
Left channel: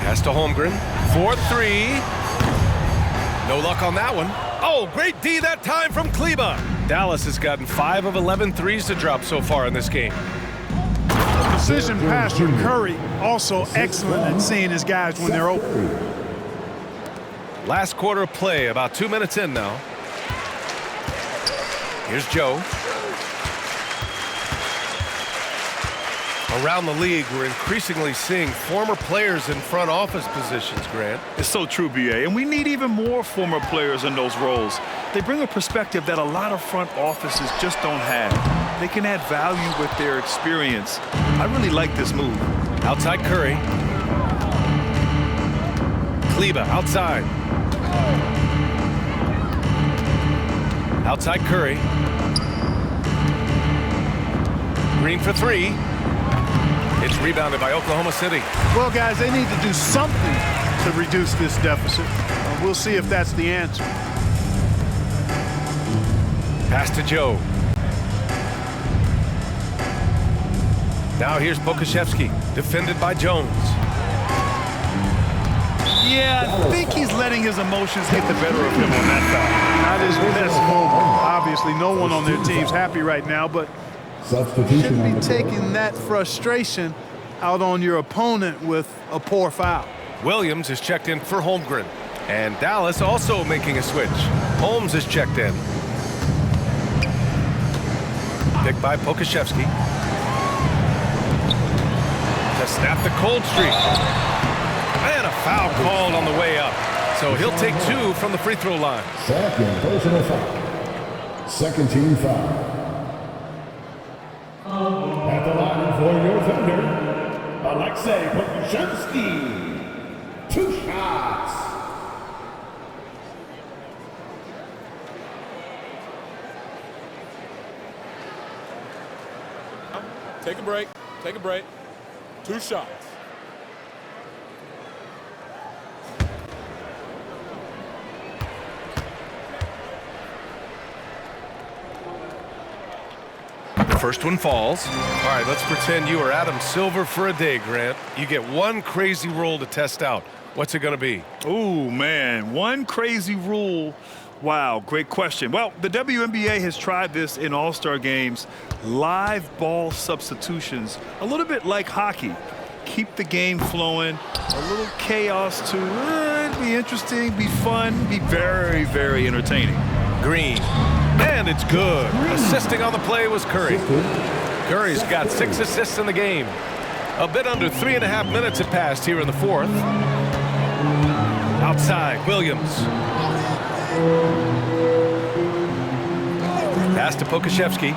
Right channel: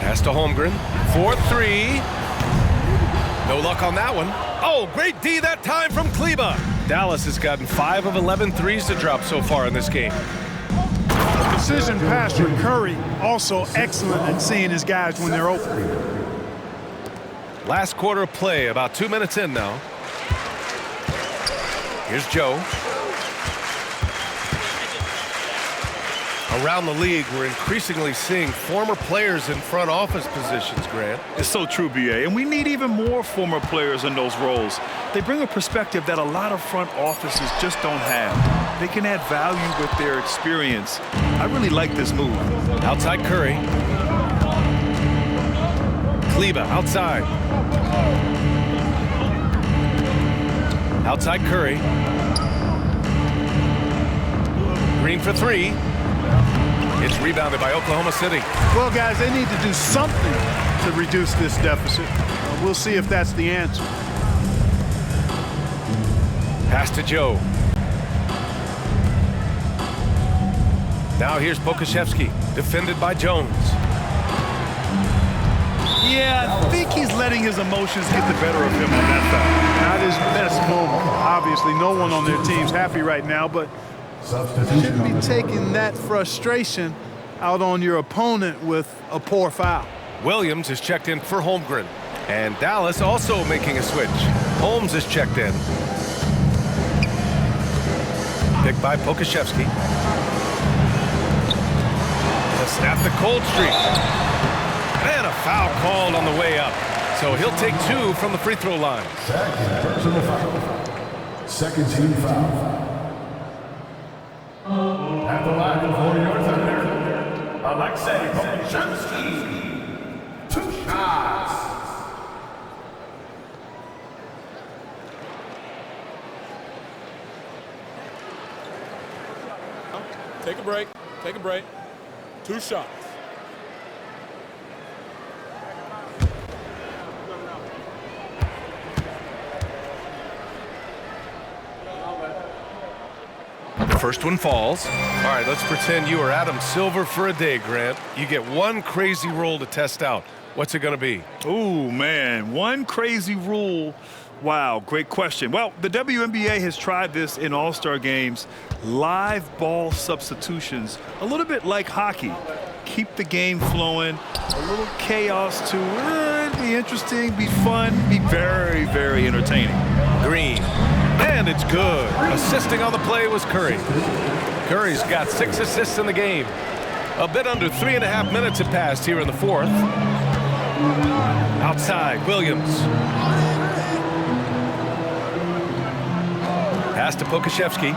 Pass to Holmgren. 4-3. No luck on that one. Oh, great D that time from Kleber. Dallas has gotten 5 of 11 threes to drop so far in this game. Precision passer Curry also excellent at seeing his guys when they're open. Last quarter of play, about 2 minutes in now. Here's Joe. Around the league, we're increasingly seeing former players in front office positions, Grant. It's so true, B.A., and we need even more former players in those roles. They bring a perspective that a lot of front offices just don't have. They can add value with their experience. I really like this move. Outside Curry. Kleber outside. Outside Curry. Green for 3. It's rebounded by Oklahoma City. Well, guys, they need to do something to reduce this deficit. We'll see if that's the answer. Pass to Joe. Now here's Pokuševski, defended by Jones. Yeah, I think he's letting his emotions get the better of him on that foul. Not his best moment. Obviously, no one on their team's happy right now, but you shouldn't be taking that frustration out on your opponent with a poor foul. Williams is checked in for Holmgren. And Dallas also making a switch. Holmes is checked in. Picked by Pokuševski. To snap the cold streak. And a foul called on the way up. So he'll take 2 from the free throw line. Second personal foul. Second team foul. At the line for your Thunder, Alexei Pokuševski. 2 shots. Take a break. Take a break. 2 shots. The first one falls. All right, let's pretend you are Adam Silver for a day, Grant. You get one crazy rule to test out. What's it going to be? Ooh, man, one crazy rule. Wow, great question. Well, the WNBA has tried this in All-Star games. Live ball substitutions, a little bit like hockey. Keep the game flowing, a little chaos too. It'd be interesting, be fun, be very, very entertaining. Green. And it's good. Assisting on the play was Curry. Curry's got 6 assists in the game. A bit under 3.5 minutes have passed here in the 4th. Outside, Williams. Pass to Pokuševski.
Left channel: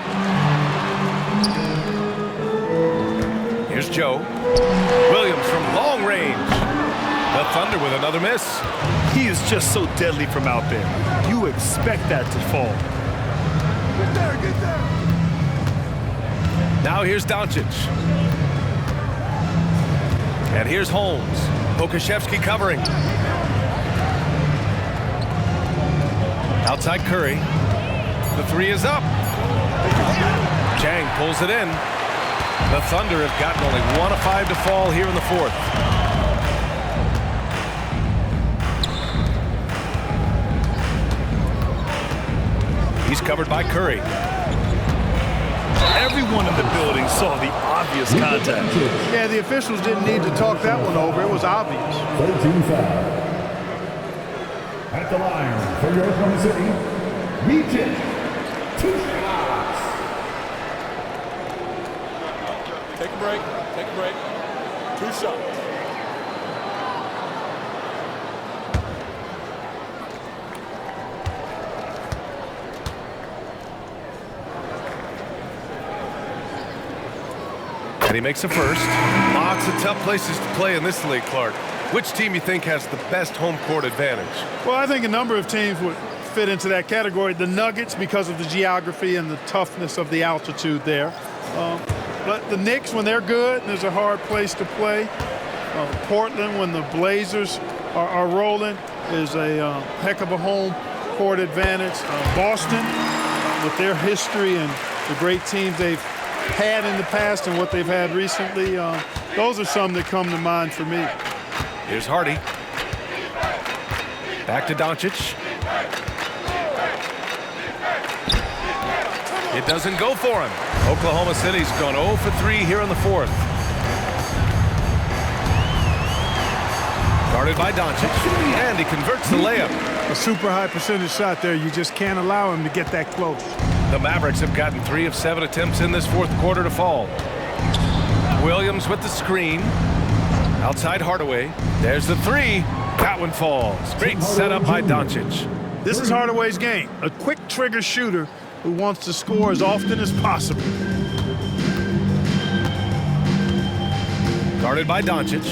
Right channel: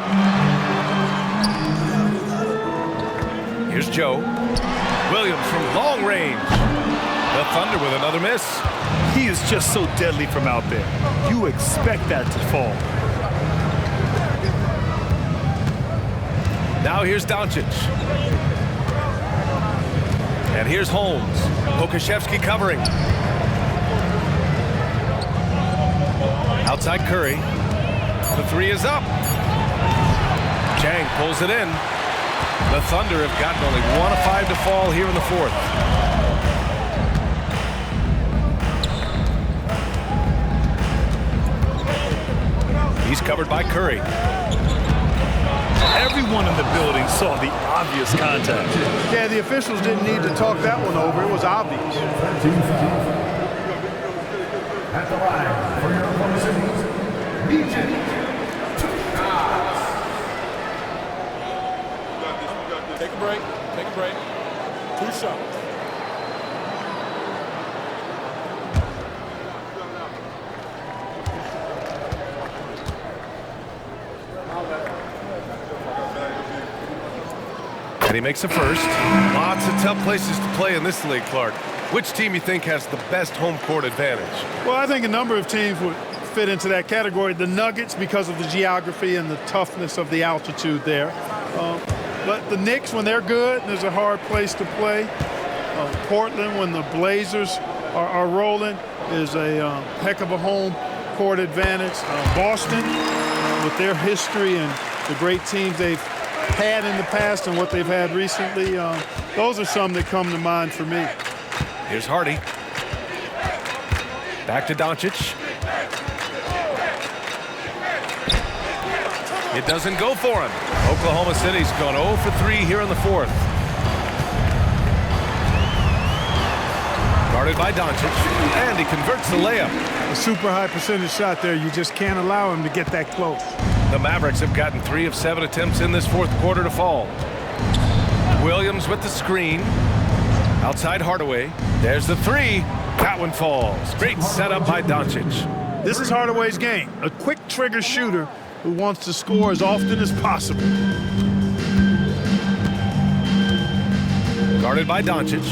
Here's Joe. Williams from long range. The Thunder with another miss. He is just so deadly from out there. You expect that to fall. Now here's Doncic. And here's Holmes. Pokuševski covering. Outside Curry. The 3 is up. Chang pulls it in. The Thunder have gotten only 1 of 5 to fall here in the 4th. He's covered by Curry. Everyone in the building saw the obvious contact. Yeah, the officials didn't need to talk that one over. It was obvious. 13 foul. At the line for your Oklahoma City, Meacham. 2 shots. Take a break. Take a break. 2 shots. And he makes a first. Lots of tough places to play in this league, Clark. Which team you think has the best home court advantage? Well, I think a number of teams would fit into that category. The Nuggets, because of the geography and the toughness of the altitude there. But the Knicks, when they're good, there's a hard place to play. Portland, when the Blazers are rolling, is a heck of a home court advantage. Boston, with their history and the great teams they've had in the past and what they've had recently, those are some that come to mind for me. Here's Hardy. Back to Doncic. It doesn't go for him. Oklahoma City's gone 0 for 3 here in the 4th. Guarded by Doncic, and he converts the layup. A super high percentage shot there. You just can't allow him to get that close. The Mavericks have gotten 3 of 7 attempts in this 4th quarter to fall. Williams with the screen. Outside Hardaway. There's the 3. That one falls. Great setup by Doncic. This is Hardaway's game. A quick trigger shooter who wants to score as often as possible. Guarded by Doncic.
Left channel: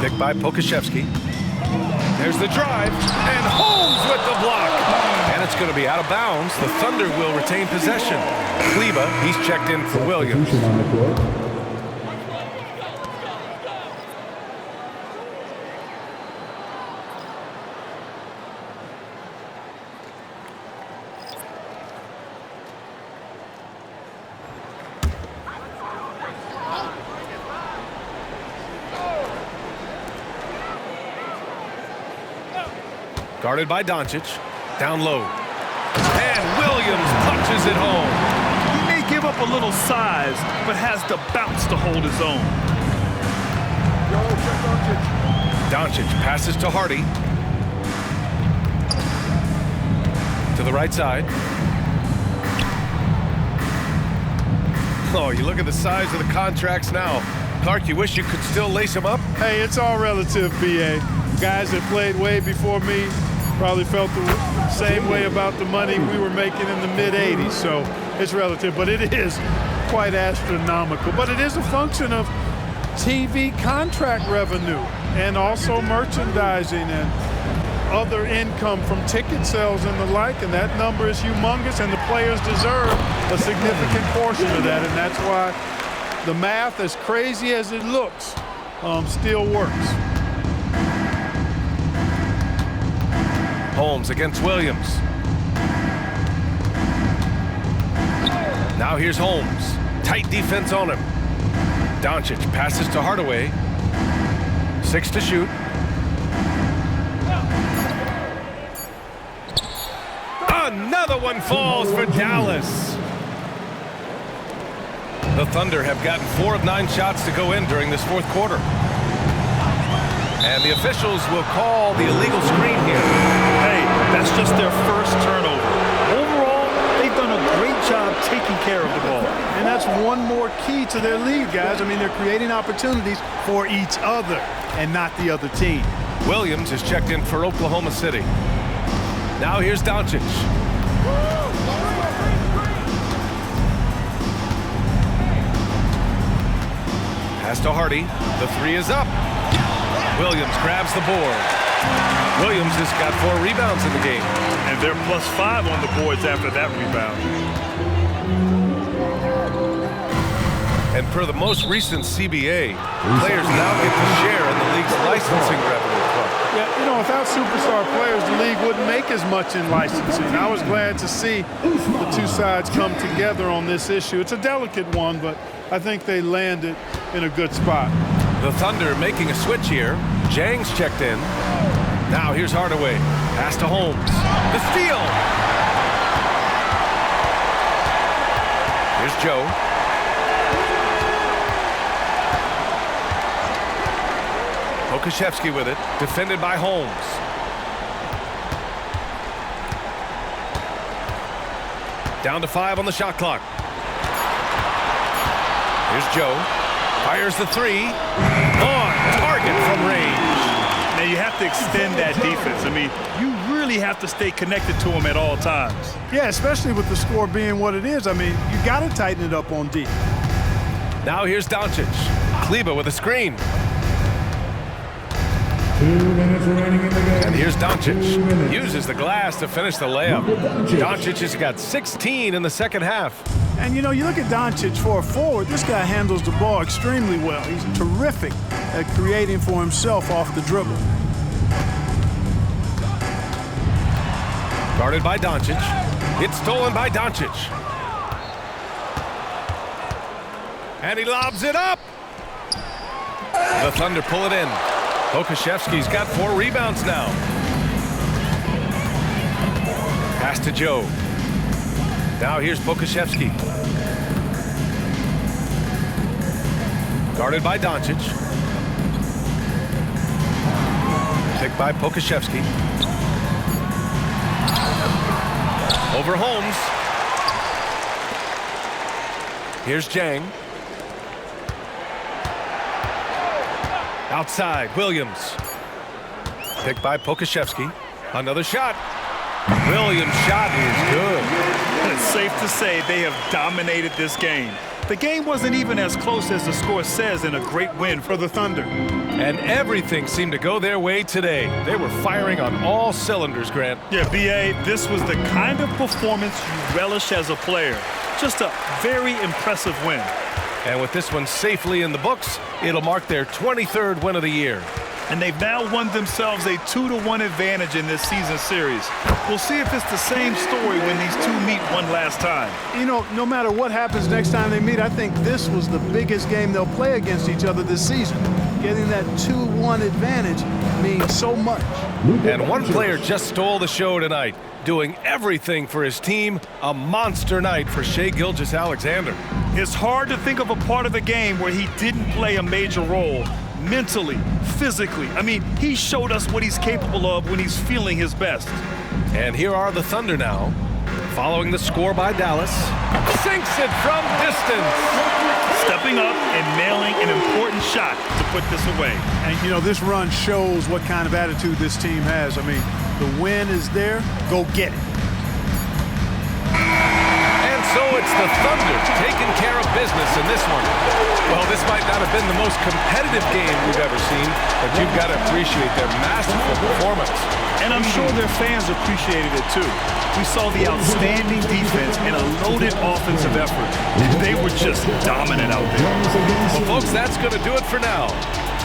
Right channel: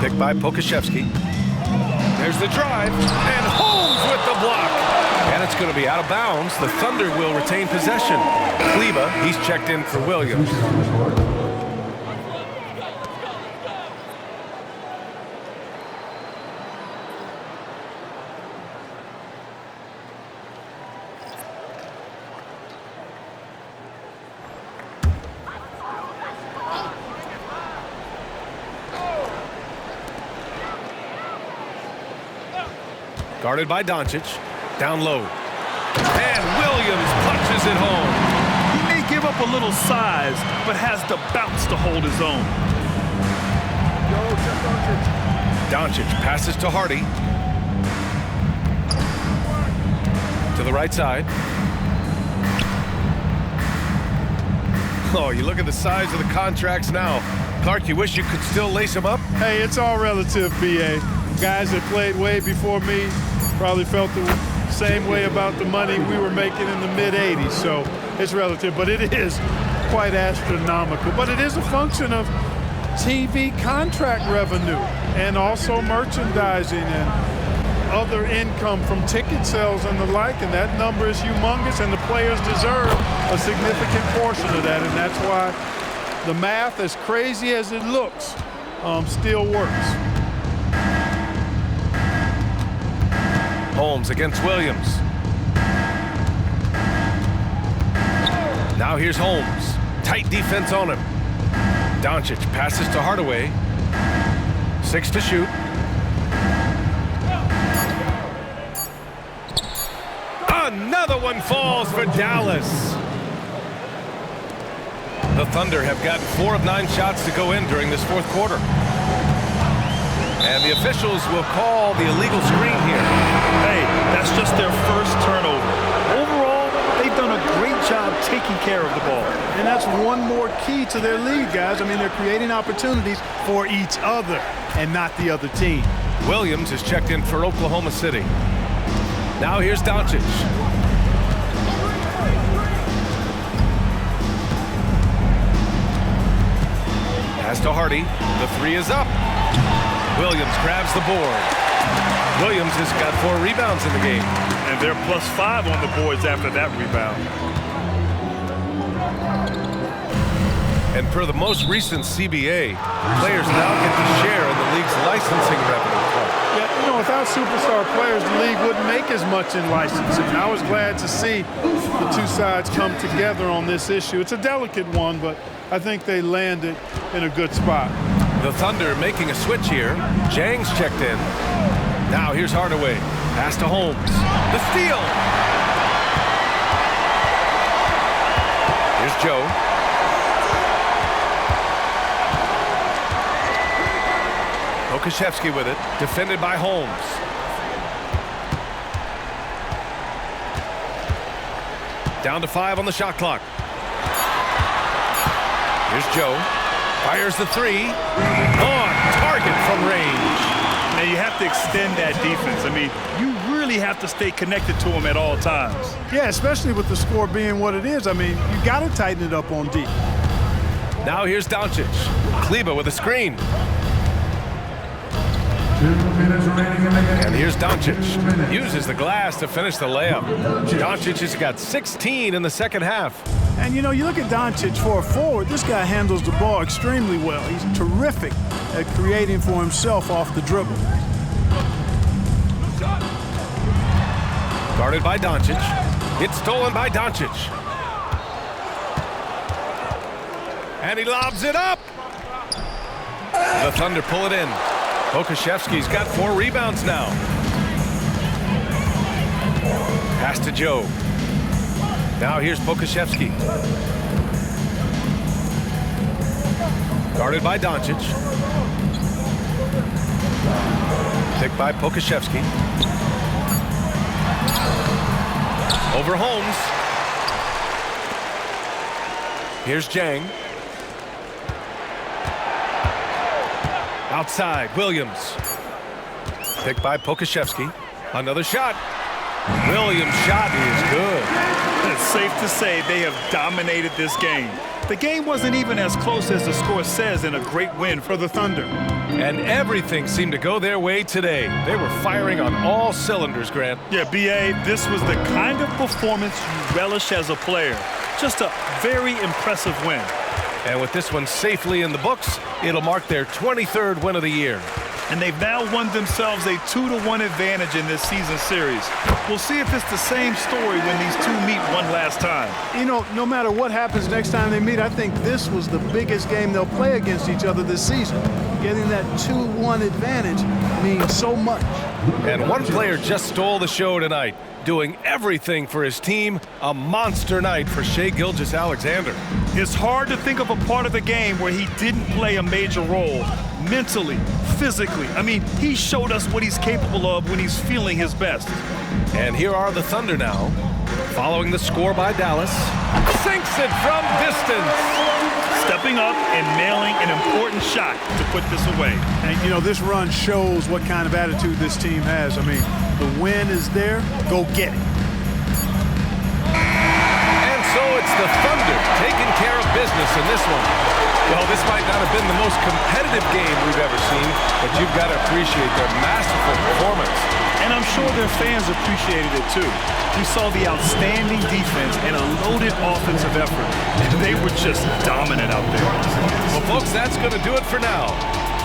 Picked by Pokuševski. There's the drive, and Holmes with the block. And it's going to be out of bounds. The Thunder will retain possession. Kleba, he's checked in for Williams. Guarded by Doncic. Down low. And Williams punches it home. He may give up a little size, but has the bounce to hold his own. Doncic passes to Hardy. To the right side. Oh, you look at the size of the contracts now. Clark, you wish you could still lace them up? Hey, it's all relative, B.A. Guys that played way before me probably felt the same way about the money we were making in the mid-'80s. So it's relative, but it is quite astronomical. But it is a function of TV contract revenue and also merchandising and other income from ticket sales and the like, and that number is humongous, and the players deserve a significant portion of that, and that's why the math, as crazy as it looks, still works. Holmes against Williams. Now here's Holmes. Tight defense on him. Doncic passes to Hardaway. 6 to shoot. Another one falls for Dallas. The Thunder have gotten 4 of 9 shots to go in during this fourth quarter. And the officials will call the illegal screen here. Hey, that's just their first turnover. Overall, they've done a great job taking care of the ball. And that's one more key to their lead, guys. I mean, they're creating opportunities for each other and not the other team. Williams is checked in for Oklahoma City. Now here's Doncic. Pass to Hardy. The 3 is up. Williams grabs the board. Williams has got 4 rebounds in the game. And they're +5 on the boards after that rebound. And per the most recent CBA, players now get to share in the league's licensing revenue, Clark. Yeah, you know, without superstar players, the league wouldn't make as much in licensing. I was glad to see the two sides come together on this issue. It's a delicate one, but I think they landed in a good spot. The Thunder making a switch here. Jang's checked in. Now here's Hardaway. Pass to Holmes. The steal. Here's Joe. Okashevsky with it. Defended by Holmes. Down to 5 on the shot clock. Here's Joe. Fires the 3. On target from range. Now you have to extend that defense. I mean, you really have to stay connected to him at all times. Yeah, especially with the score being what it is. I mean, you got to tighten it up on D. Now here's Doncic. Kleba with a screen. 2 minutes remaining in the game. And here's Doncic. Uses the glass to finish the layup. Doncic has got 16 in the second half. And, you know, you look at Doncic for a forward, this guy handles the ball extremely well. He's terrific at creating for himself off the dribble. Guarded by Doncic. It's stolen by Doncic. And he lobs it up. The Thunder pull it in. Okashevsky's got 4 rebounds now. Pass to Joe. Now here's Pokashevsky. Guarded by Doncic. Picked by Pokashevsky. Over Holmes. Here's Jang. Outside, Williams. Picked by Pokashevsky. Another shot. Williams' shot is good. It's safe to say they have dominated this game. The game wasn't even as close as the score says in a great win for the Thunder. And everything seemed to go their way today. They were firing on all cylinders, Grant. Yeah, B.A., this was the kind of performance you relish as a player. Just a very impressive win. And with this one safely in the books, it'll mark their 23rd win of the year. And they've now won themselves a 2-1 advantage in this season series. We'll see if it's the same story when these two meet one last time. You know, no matter what happens next time they meet, I think this was the biggest game they'll play against each other this season. Getting that 2-1 advantage means so much. And one player just stole the show tonight, doing everything for his team. A monster night for Shai Gilgeous-Alexander. It's hard to think of a part of the game where he didn't play a major role, mentally, physically. I mean, he showed us what he's capable of when he's feeling his best. And here are the Thunder now, following the score by Dallas. Sinks it from distance. Stepping up and nailing an important shot to put this away. And, you know, this run shows what kind of attitude this team has. I mean, the win is there. Go get it. And so it's the Thunder taking care of business in this one. Well, this might not have been the most competitive game we've ever seen, but you've got to appreciate their masterful performance. And I'm sure their fans appreciated it too. We saw the outstanding defense and a loaded offensive effort. And they were just dominant out there. Well, folks, that's going to do it for now.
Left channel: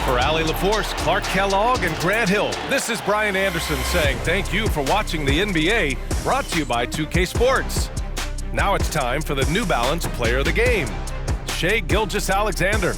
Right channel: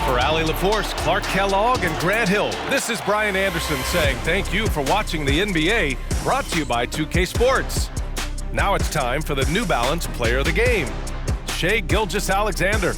For Allie LaForce, Clark Kellogg, and Grant Hill, this is Brian Anderson saying thank you for watching the NBA, brought to you by 2K Sports. Now it's time for the New Balance Player of the Game, Shai Gilgeous-Alexander.